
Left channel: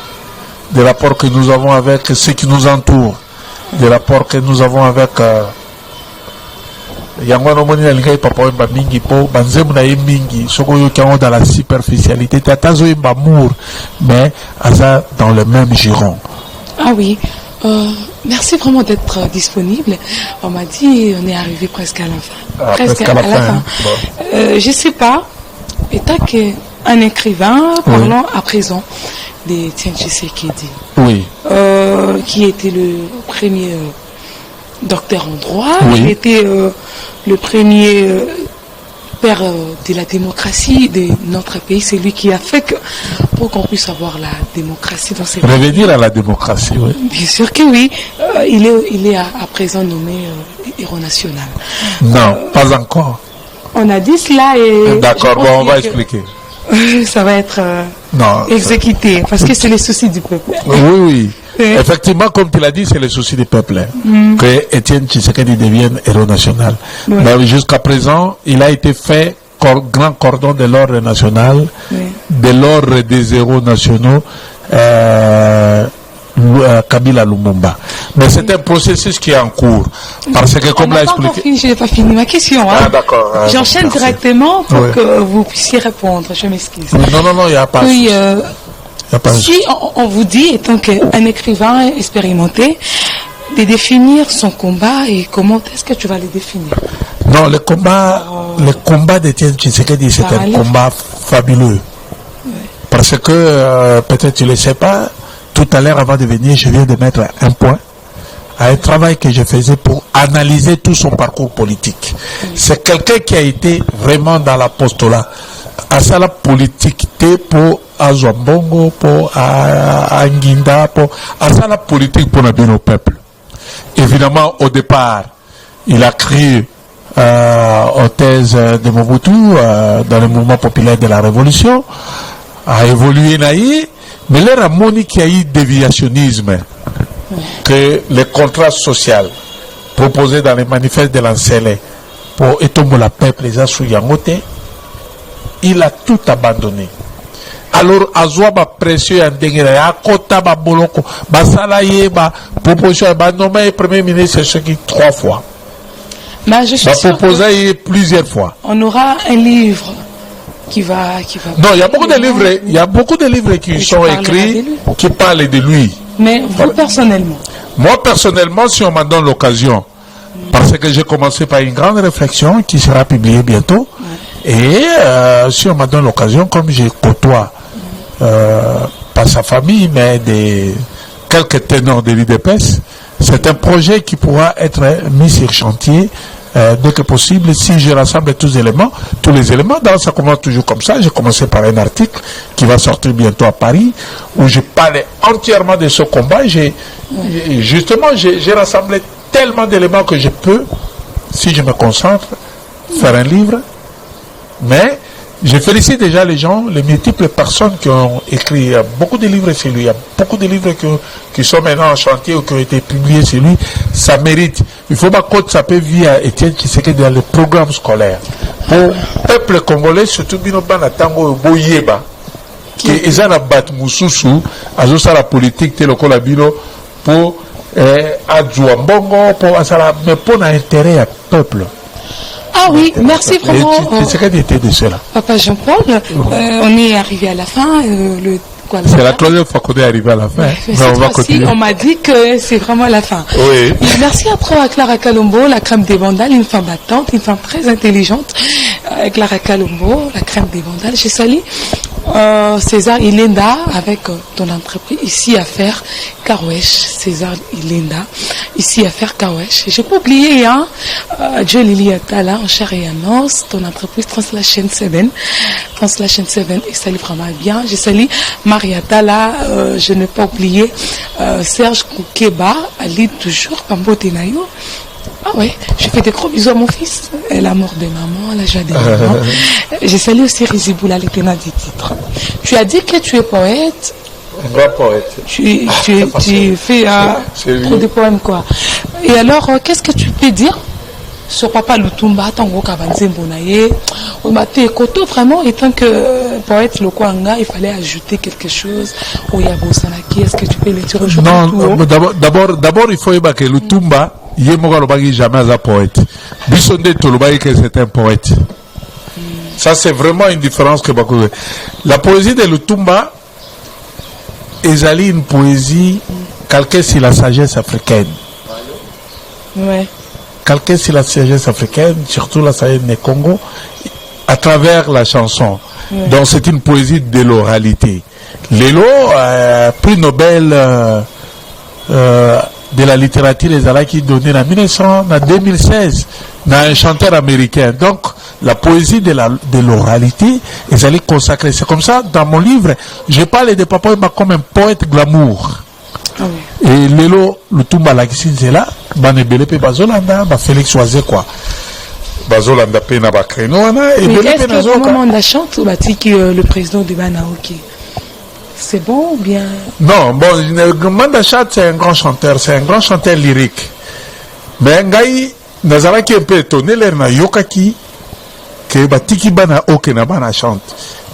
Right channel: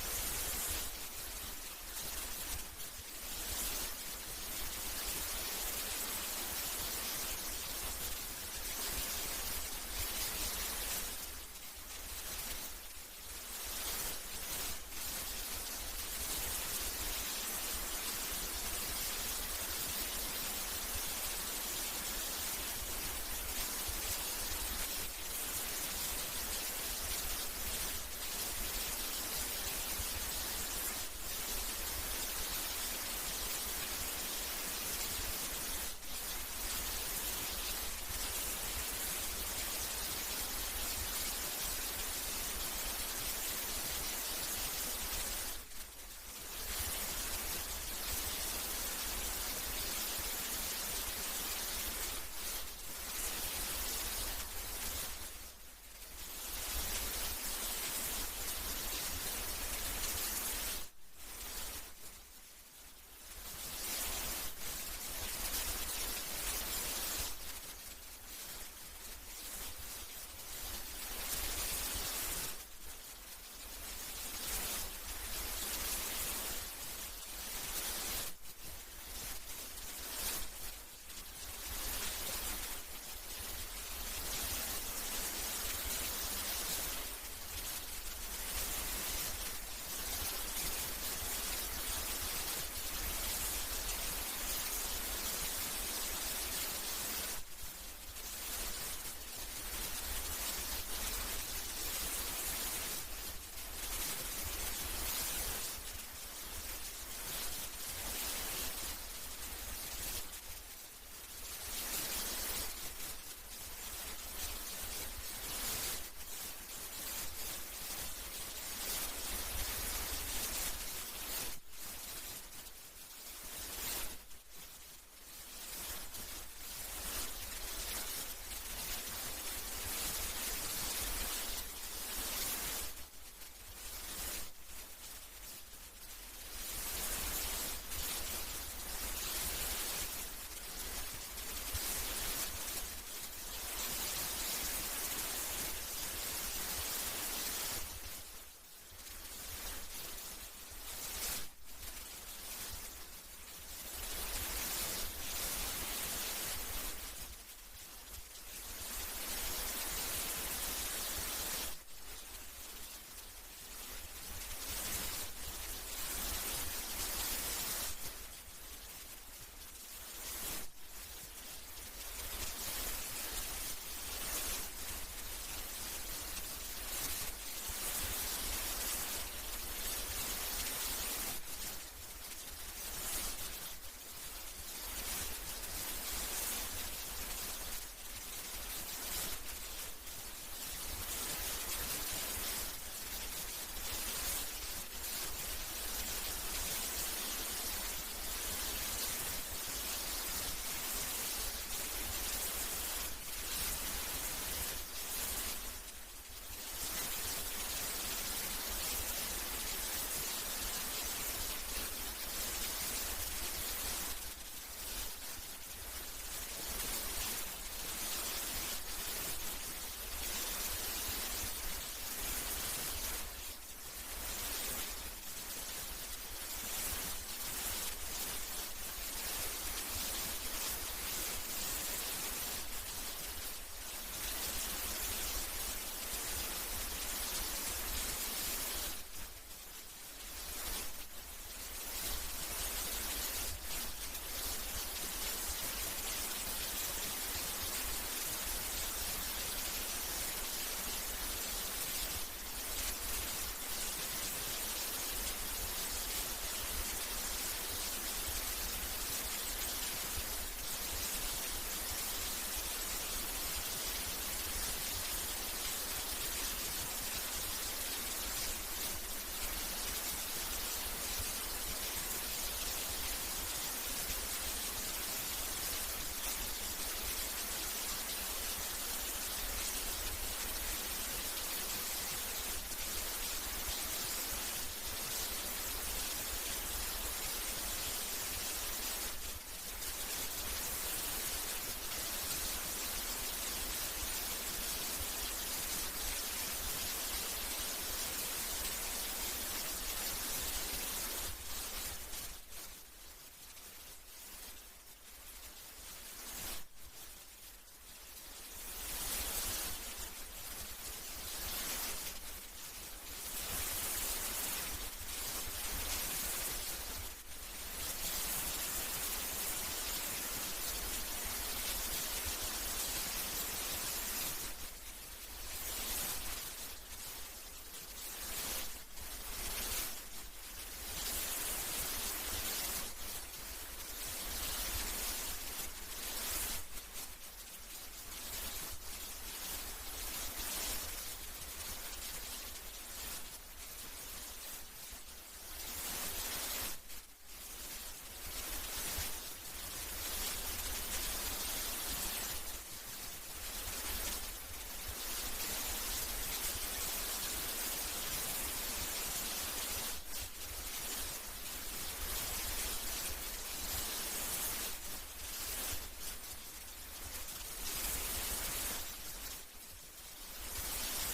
des rapports que nous avons avec ceux qui nous entourent, des rapports que nous avons avec Yangono Moni Lingai Papa Wemba Mingi Po, Banzem na Mingi, Sokoyo Kiango dans la superficialité, Tatazo Wemba Mour, mais Aza dans le même giron. Ah oui, merci vraiment d'être disponible. On m'a dit, on est arrivé presque à la fin. Presque à la fin. Bon. Je sais pas, étant qu'un écrivain, parlons à présent d'Étienne Tshisekedi. Oui. Qui était le premier docteur en droit, oui. Qui était le premier père de la démocratie de notre pays. C'est lui qui a fait que, pour qu'on puisse avoir la démocratie dans ces pays. Revenir à la démocratie, oui. Bien sûr que oui. Il est à présent nommé héros national. Non, pas encore. On a dit cela et... D'accord, bon, on va expliquer. Ça va être non, exécuté, parce que c'est les soucis du peuple. Oui. Effectivement, comme tu l'as dit, c'est le souci du peuple. Que Étienne Tshisekedi devienne héros national. Mais jusqu'à présent, il a été fait grand cordon de l'ordre national, de l'ordre des héros nationaux, Kabila Lumumba. Mais c'est un processus qui est en cours. Parce que, comme l'a expliqué. Je n'ai pas fini ma question. Hein. Ah, d'accord. J'enchaîne directement pour que vous puissiez répondre. Je m'excuse. Non, il n'y a pas. Oui, si on vous dit, étant qu'un écrivain expérimenté, de définir son combat et comment est-ce que tu vas le définir? Non, le combat d'Étienne Tshisekedi, c'est un combat fabuleux. Parce que, peut-être tu ne le sais pas, tout à l'heure, avant de venir, je viens de mettre un point à un travail que je faisais pour analyser tout son parcours politique. C'est quelqu'un qui a été vraiment dans l'apostolat. À ça, la politique, pour Azwambongo, pour Anginda, pour à ça, la politique pour bien au peuple. Évidemment, au départ, il a créé aux thèses de Mobutu dans le mouvement populaire de la Révolution, a évolué naïe, mais là, a moni qu'il y a eu déviationnisme, que le contrat social proposé dans les manifestes de l'Ancélé pour étomber la peuple, les Asouyangote, il a tout abandonné. Alors, Azwa ba pression en dengere, à kota ba boloko, ba salaye ba proposition, ba nommé premier ministre ce qui 3 fois. Mais je suis sûr proposé plusieurs fois. On aura un livre qui va. Non, il y a beaucoup de livres. Il y a beaucoup de livres qui sont écrits, qui parlent de lui. Mais vous personnellement? Moi personnellement, si on m'en donne l'occasion, parce que j'ai commencé par une grande réflexion qui sera publiée bientôt. Et si on m'a donné l'occasion, comme je côtoie pas sa famille, mais quelques ténors de l'IDPS, c'est un projet qui pourra être mis sur chantier dès que possible si je rassemble tous les éléments. Donc ça commence toujours comme ça. J'ai commencé par un article qui va sortir bientôt à Paris où je parlais entièrement de ce combat. J'ai rassemblé tellement d'éléments que je peux, si je me concentre, faire un livre. Mais je félicite déjà les gens, les multiples personnes qui ont écrit. Il y a beaucoup de livres sur lui. Il y a beaucoup de livres qui sont maintenant en chantier ou qui ont été publiés sur lui. Ça mérite. Il faut pas que ça peut via Étienne Tshisekedi dans le programme scolaire. Pour le peuple congolais, surtout Binobana Tango Boyeba, qui est un abat Moussousou, à la politique, tel que la Bino, pour Adjouambongo, mais pour l'intérêt du peuple. Ah oui, merci vraiment. Papa Jean-Paul, on est arrivé à la fin. C'est la troisième fois qu'on est arrivé à la fin. On m'a dit que c'est vraiment la fin. Oui. Merci à Clara Kalombo, la crème des vandales, une femme battante, une femme très intelligente. Clara Kalombo, la crème des vandales. Je salue César Ilenda avec ton entreprise ici à faire Kawesh. César Ilenda ici à faire Kawesh. J'ai pas oublié Joe Lili Atala en chair et en os, ton entreprise Translation 7. Translation 7 et salut vraiment bien. Je salue Maria Tala, je n'ai pas oublié Serge Koukeba, Ali toujours Pambo Tenayo. Ah ouais, je fais des gros bisous à mon fils. Et la mort de maman, la joie de maman. Je salue aussi Riziboula, le tenant du titre. Tu as dit que tu es poète. Un grand poète. Tu fais trop de poèmes, quoi. Et alors, qu'est-ce que tu peux dire sur Papa Lutumba, Tango Kabanzembo Naye, Omate Koto, vraiment, étant que poète le Kwanga, il fallait ajouter quelque chose. Oyabo Sanaki, est-ce que tu peux le dire aujourd'hui? Non, d'abord, il faut que le Tumba, Yemoga Lobagi jamais un poète. Bissonde Tolobagi que c'est un poète. Ça, c'est vraiment une différence que beaucoup. La poésie de Lutumba est une poésie calquée sur la sagesse africaine. Ouais. Calquée sur la sagesse africaine, surtout la sagesse du Congo, à travers la chanson. Ouais. Donc, c'est une poésie de l'oralité. Lélo, prix Nobel de la littérature, les Alaks qui donné en 2016, dans un chanteur américain. Donc, la poésie de l'oralité, ils allaient consacrer. C'est comme ça, dans mon livre, je parle de Papa Wemba comme un poète glamour. Ah oui. Et Lélo, le Tumba Lakisin, c'est là, Banebele pe Bazolanda, Félix Oisé, quoi. Bazolanda pe na Bakreno, et est-ce que au moment de la chante, le président de Banaoki, c'est bon ou bien? Non, bon, Mandachat, c'est un grand chanteur lyrique. Mais Ngaï, Nazaraki un peu étonné, l'air na Yokaki, que Batiki Bana Oke na Bana chante.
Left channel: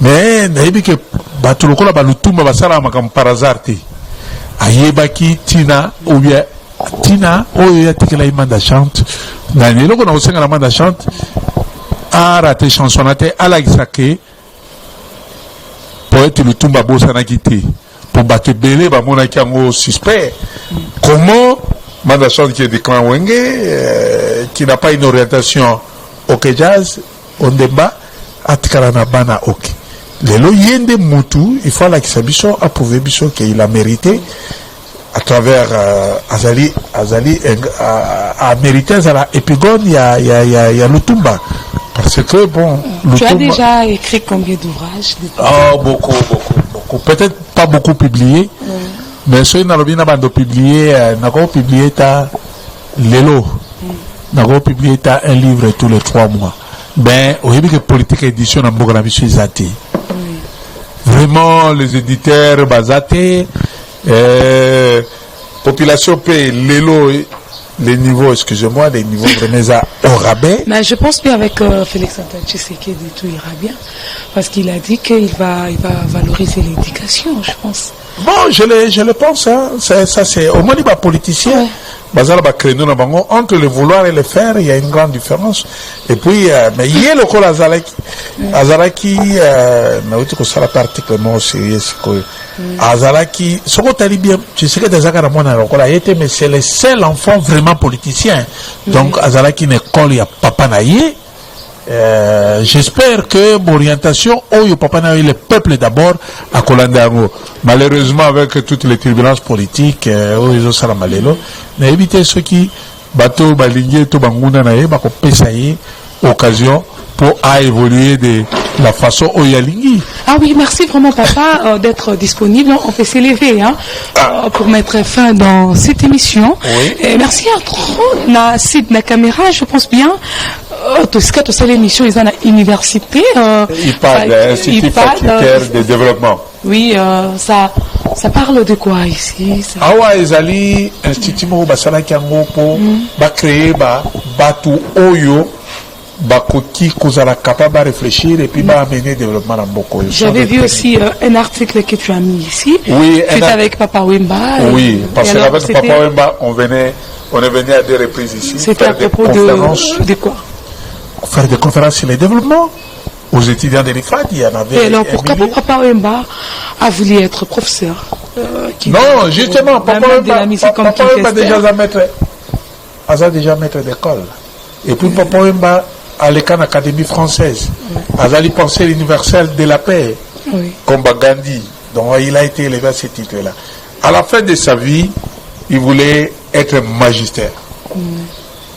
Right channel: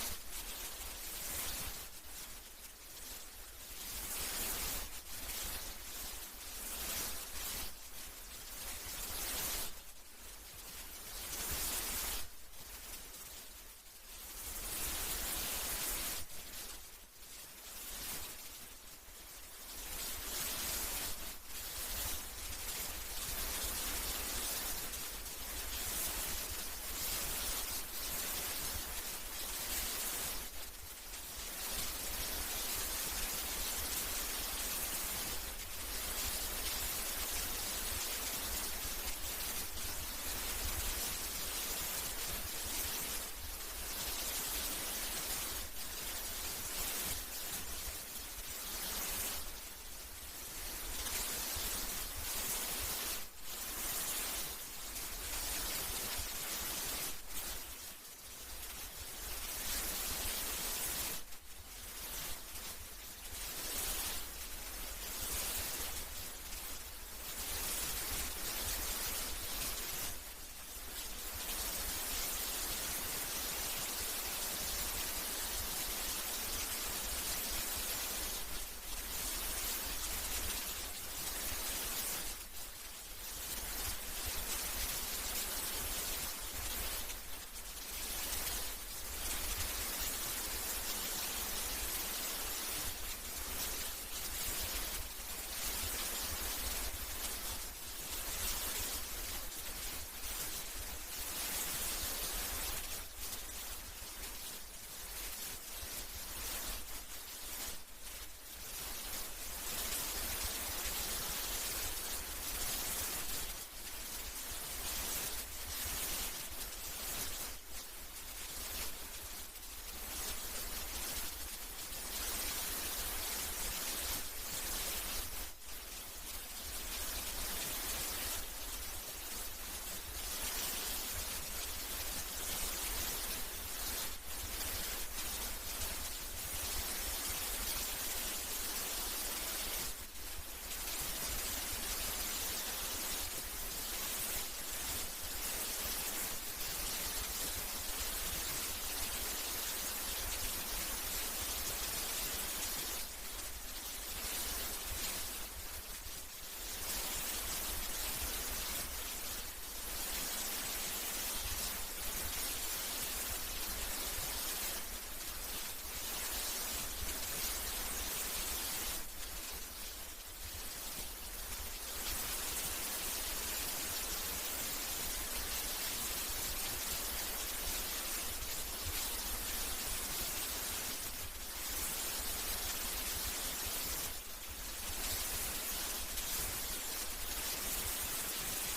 Mais, Naïbi que Batuloko la Balutumba Basala Makam par hasard. Ayebaki, Tina, ou bien Tina, Oya Tikela Imanda chante. Nanelo, qu'on a aussi la Manda chante, a raté chansonnate, à la Isake. Poète le Tumba Bosana quitté pour battre Belé, Bamona Kiango suspect. Comment Mandachon qui est de clan Wenge, qui n'a pas une orientation au jazz, on débat, à Tkarana Bana Ok. Les loyens Moutou, il faut la Kisabiso approuver Biso qu'il a mérité à travers Azali a mérité à l'épigone, il y a le Tumba. Parce que, bon... Tu as déjà écrit combien d'ouvrages? Ah, beaucoup. Peut-être pas beaucoup publié, mais ceux qui n'ont publié, n'ont publié Lélo. N'ont publié un livre tous les 3 mois. Ben, au début que politique édition dans Bogravi sur Zati. Vraiment, les éditeurs, Bazate, population paye Lélo. Les niveaux, excusez-moi, les niveaux vraiment au rabais. Mais je pense bien avec Félix Antoine Tshisekedi, tout ira bien. Parce qu'il a dit qu'il va valoriser l'éducation, je pense. Bon, je le pense, hein. Ça, c'est au moins, il va politicien. Entre le vouloir et le faire, il y a une grande différence. Et puis, mais il y a le col Azaraki, ça la particulièrement sérieux, Azaraki, ce qu'on t'a dit bien, tu sais que des mais c'est le seul enfant vraiment politicien. Donc, Azaraki n'est pas il y a papa naïe. J'espère que mon orientation, papa naïe, le peuple d'abord, à Kolandango. Malheureusement, avec toutes les turbulences politiques, ils ont ça la malélo. Mais évitez ceux qui, bateau, balingé, tout banguna naïe, bako pesaïe, occasion, pour évoluer de la façon Oyalingui. Ah oui, merci vraiment papa d'être disponible. On peut s'élever pour mettre fin dans cette émission. Oui. Et merci à trop na site na caméra, je pense bien. Tout ce que c'est l'émission ils ont à l'université. Il parle d'Institut facultaire de développement. Oui, ça parle de quoi ici? Ah ouais, ils allaient Institut Basala Kiango pour créer Batu Oyo. Bakoti Kozala capable de réfléchir et puis amener développement dans beaucoup. J'avais vu aussi un article que tu as mis ici. Oui, c'était avec Papa Wemba. Oui, parce qu'avec Papa Wemba, on est venu à des reprises ici. C'était à propos de quoi? Faire des conférences sur le développement. Aux étudiants de l'IFAD, il y en avait. Et alors pourquoi Papa Wemba a voulu être professeur? Non, justement, Papa Wemba déjà maître d'école. Et puis Papa Wemba à l'école Académie française, Azali pensée universelle de la paix, comme Gandhi. Donc il a été élevé à ce titre-là. À la fin de sa vie, il voulait être magistère.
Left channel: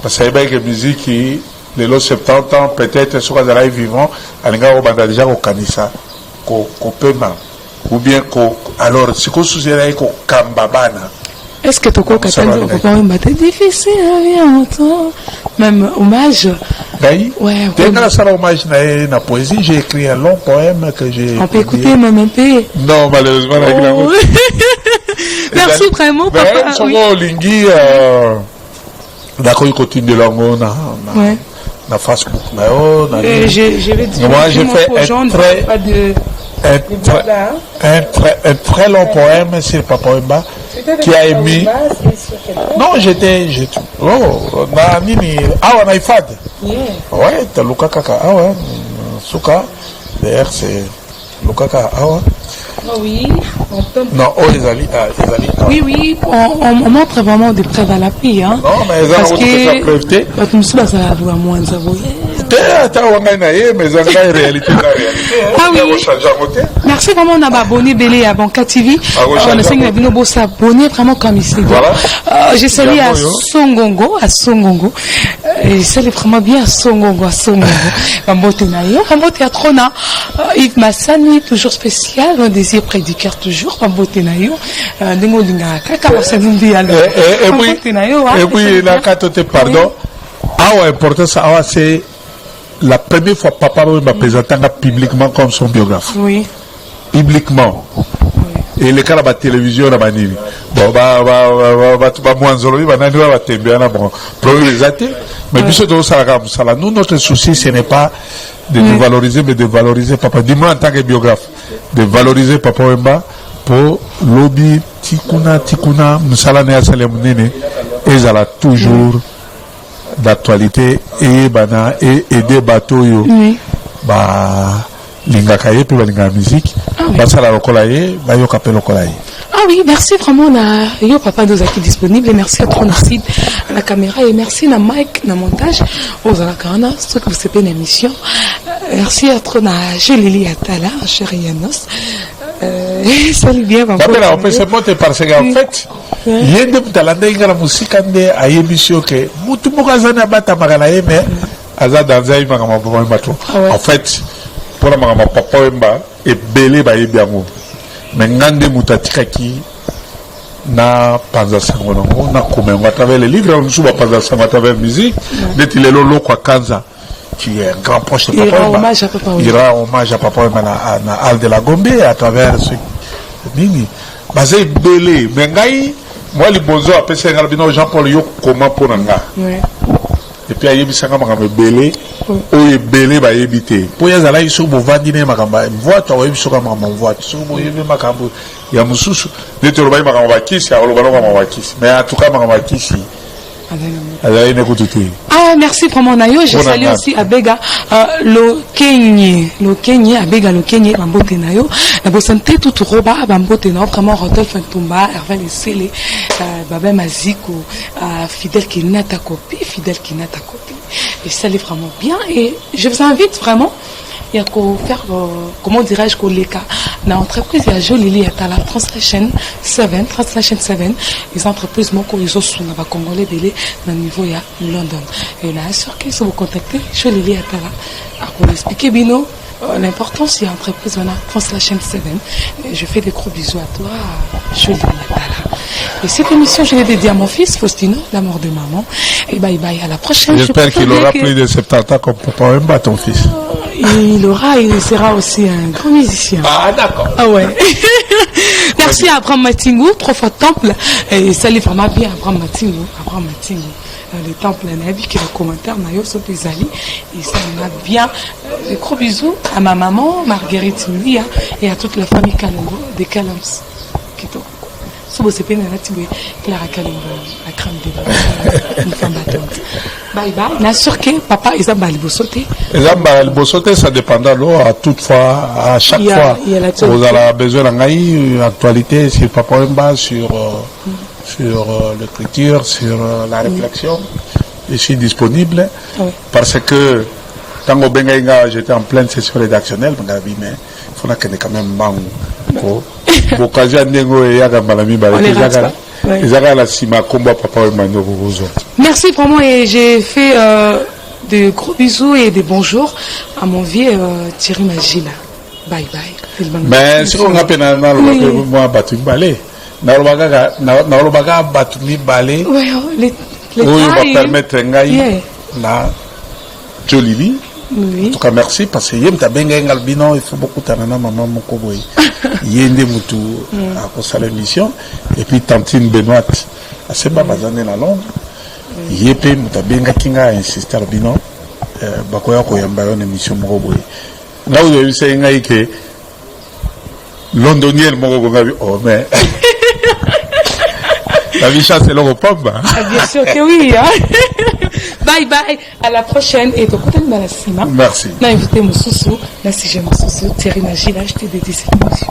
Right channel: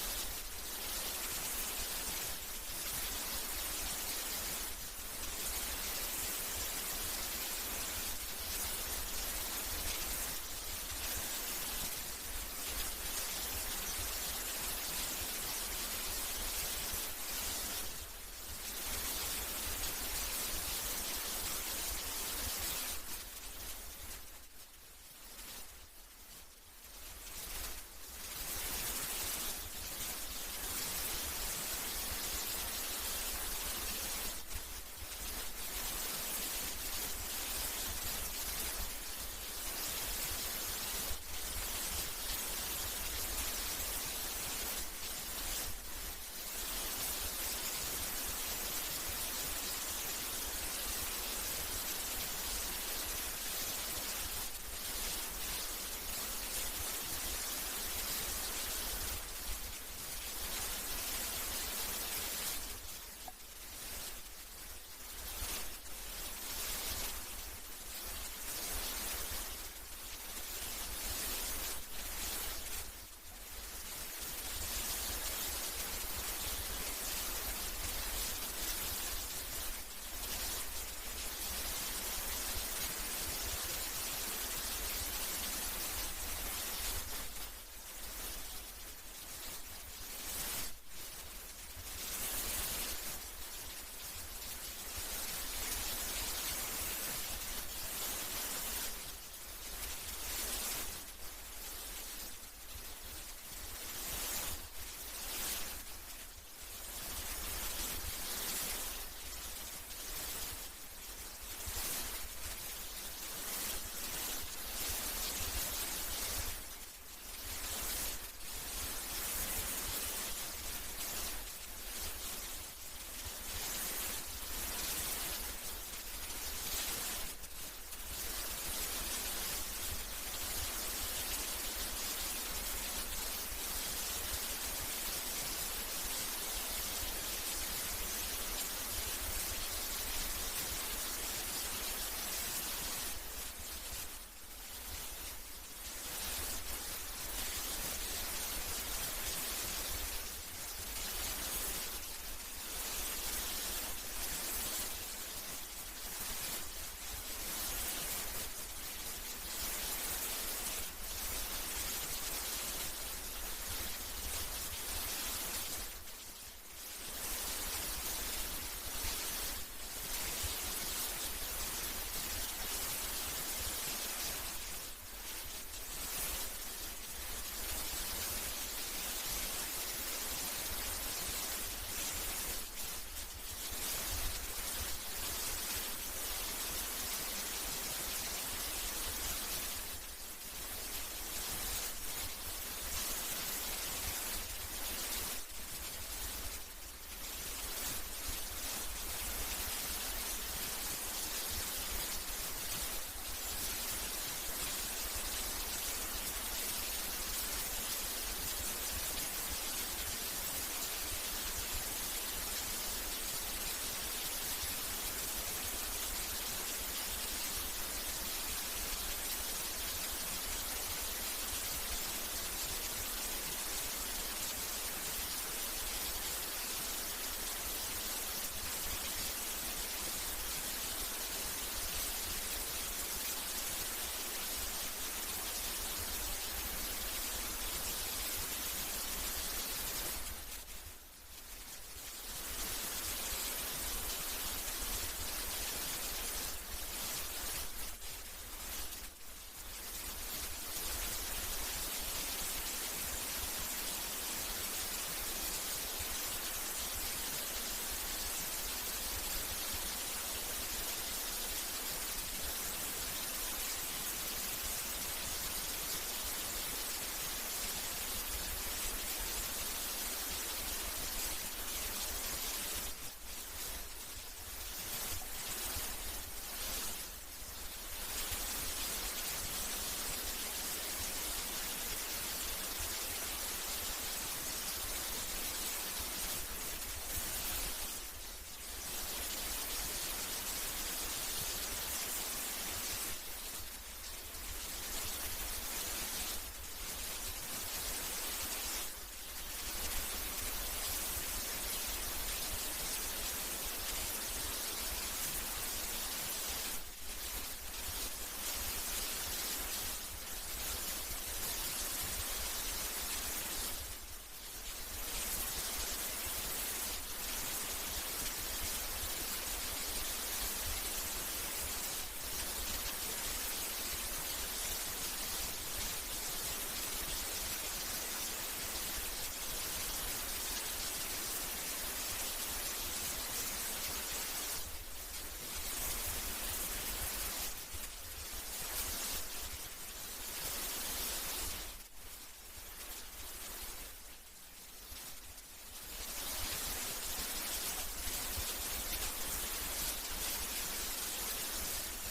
Parce qu'il y a une musique qui, les 70 ans, peut-être, sur les vivants, il y a déjà au Kanissa, au Pema, ou bien alors, si vous souvenez qu'au Kambabana. Est-ce que Toko Katanga Papa Wemba c'est difficile, bien autant. Même hommage. Oui. Ouais. Dès que ça hommage na poésie, j'ai écrit un long poème que j'ai. On peut écouter même un peu. Non, malheureusement, merci vraiment, papa. Oui. Lingi, d'accord, il continue de l'ango na Facebook. Je vais dire. Moi, j'ai fait un très. un très long poème sur Papa Wemba qui a émis. Non, j'étais. Oh, Nini. Ah, on a IFAD. Ouais, t'as Luka Kaka. Ah ouais, Souka. D'ailleurs, c'est Luka Kaka. Ah ouais. Oui, on peut. Non, oh, les Ali. Oui, on montre vraiment des preuves à l'appui. Hein. Non, mais ils ont fait preuve. Tu me suis pas à voir moins de ah oui. Merci vraiment on a abonné Belé à Banca TV. On a signé Binobo s'abonner vraiment comme ici. Voilà. J'ai salué à Songongo, et c'est vraiment bien à Songongo. Bambote Nayo, Bambote à Trona. Yves Massani, toujours spécial, un désir prédicateur toujours. Bambote Nayo, Dengo Linga, Kaka, ça nous dit alors. Et puis, la carte, pardon. Ah ouais, important ça, c'est la première fois que Papa m'a présenté publiquement comme son biographe. Oui. Publiquement. Oui. Et les cas de la télévision, la manille. Bon, mais nous, notre souci, ce n'est pas de nous valoriser, mais de valoriser Papa. Dis-moi en tant que biographe, de valoriser Papa Wemba pour lobby, tikuna, msalane ya salemnene, et ça toujours d'actualité et bana et aider bateau yo linga kaye puis linga musique ça la lokolaye ba yo kapelo lokolaye. Ah oui, merci vraiment na yo papa nous qui disponible et merci à Tronacide à la caméra et merci na Mike na montage aux alakana ce que vous savez une émission. Merci à Trona Lili Atala chérie Yanos. Salut bien maman. On peut se monter parce qu'en fait il y a des talents dans la musique ande à émission que mutu mukazana bata magana mais aza danza ima kama papa Wemba to. En fait pour la mama Papa Wemba et belé ba yebiango mais ngande mutatika ki na panza sangono na kumengo à travers les livres on suba panza sangono à travers musique d'être le lolo kwa kanza qui est un grand proche de Papa Wemba. Il rend hommage à Papa Wemba na Al de la Gombe à travers ce nini basé belé mais ngai moi les bonzo appelle ça ngalbino Jean-Paul yo comment pour nga et puis ayebi sanga makamba belé oye belé ba yebité po ya zala iso bo vandine makamba voix to yebi soka makamba voix so bo yebi makambo ya mususu neto lo ba makamba ba kisi ya lo ba makamba ba kisi mais en tout cas makamba kisi. Ah, merci vraiment Nayo. Je salue aussi Abega le Kenye Abega le Kenye Bambote Nayo. La bosante tout roba Bambote Nayo vraiment Rodolphe Ntumba Hervé Lesele Babé Maziko Fidèle qui n'a ta copie et ça l'est vraiment bien et je vous invite vraiment il y a qu'au faire comment dirais-je qu'au leka dans l'entreprise il y a Jolili à la Translation 7 les entreprises mon ils ont sous la congolais délai dans le niveau il y a London et là sûr qu'ils sont vous contacter Jolili à la pour expliquer bino l'importance il y a entreprise on a Translation 7 et je fais des gros bisous à toi Jolili à la et cette émission je l'ai dédiée à mon fils Faustino la mort de maman et bye bye à la prochaine. J'espère qu'il aura plus de 70 ans comme Papa Wemba ton fils. Il sera aussi un grand musicien. Ah d'accord. Ah ouais. Merci à Abraham Matingo, 3 fois temple. Et salut vraiment bien Abraham Matingo. Le temple Nabi qui est le commentaire Nayo Sotezali. Et ça m'a bien. Des gros bisous à ma maman Marguerite Moulia et à toute la famille Kalongo de Kalams. C'est Clara Kalongo, la crème de une femme battante. Bye bye. N'a sûr que papa Isabelle Bosoté. Isabelle Bosoté, ça dépendra à toutefois, à chaque fois. Vous avez besoin d'une actualité sur Papa Wemba, sur l'écriture, sur la réflexion. Je suis disponible parce que tant que Bengaïga, j'étais en pleine session rédactionnelle, mais il faut quand même bango. Merci vraiment et j'ai fait de gros bisous et des bonjours à mon vieux Thierry Magila. Bye bye. Mais si on appelle moi Batumi Balé, Naolobaga Batumi Balé, oui, va permettre la Jolili. Oui. En tout cas, merci parce que Yemta Benga Albino, il faut beaucoup de maman Mokoboy. Yende Moutou à cause de l'émission. Et puis Tantine Benoît, à Seba Bazane la Londres. Yepé Mouta Benga Kinga insisté Albino. Bakoya Koyamba une émission Mokoboy. Là où vous avez vu, c'est que londonienne oh mais la vie chasse c'est l'Europe. Bien sûr que oui. Hein? Bye bye, à la prochaine et donc merci. On a invité mon sousou, là si j'ai mon sousou, Thierry Nagy, là je t'ai dédié cette émission.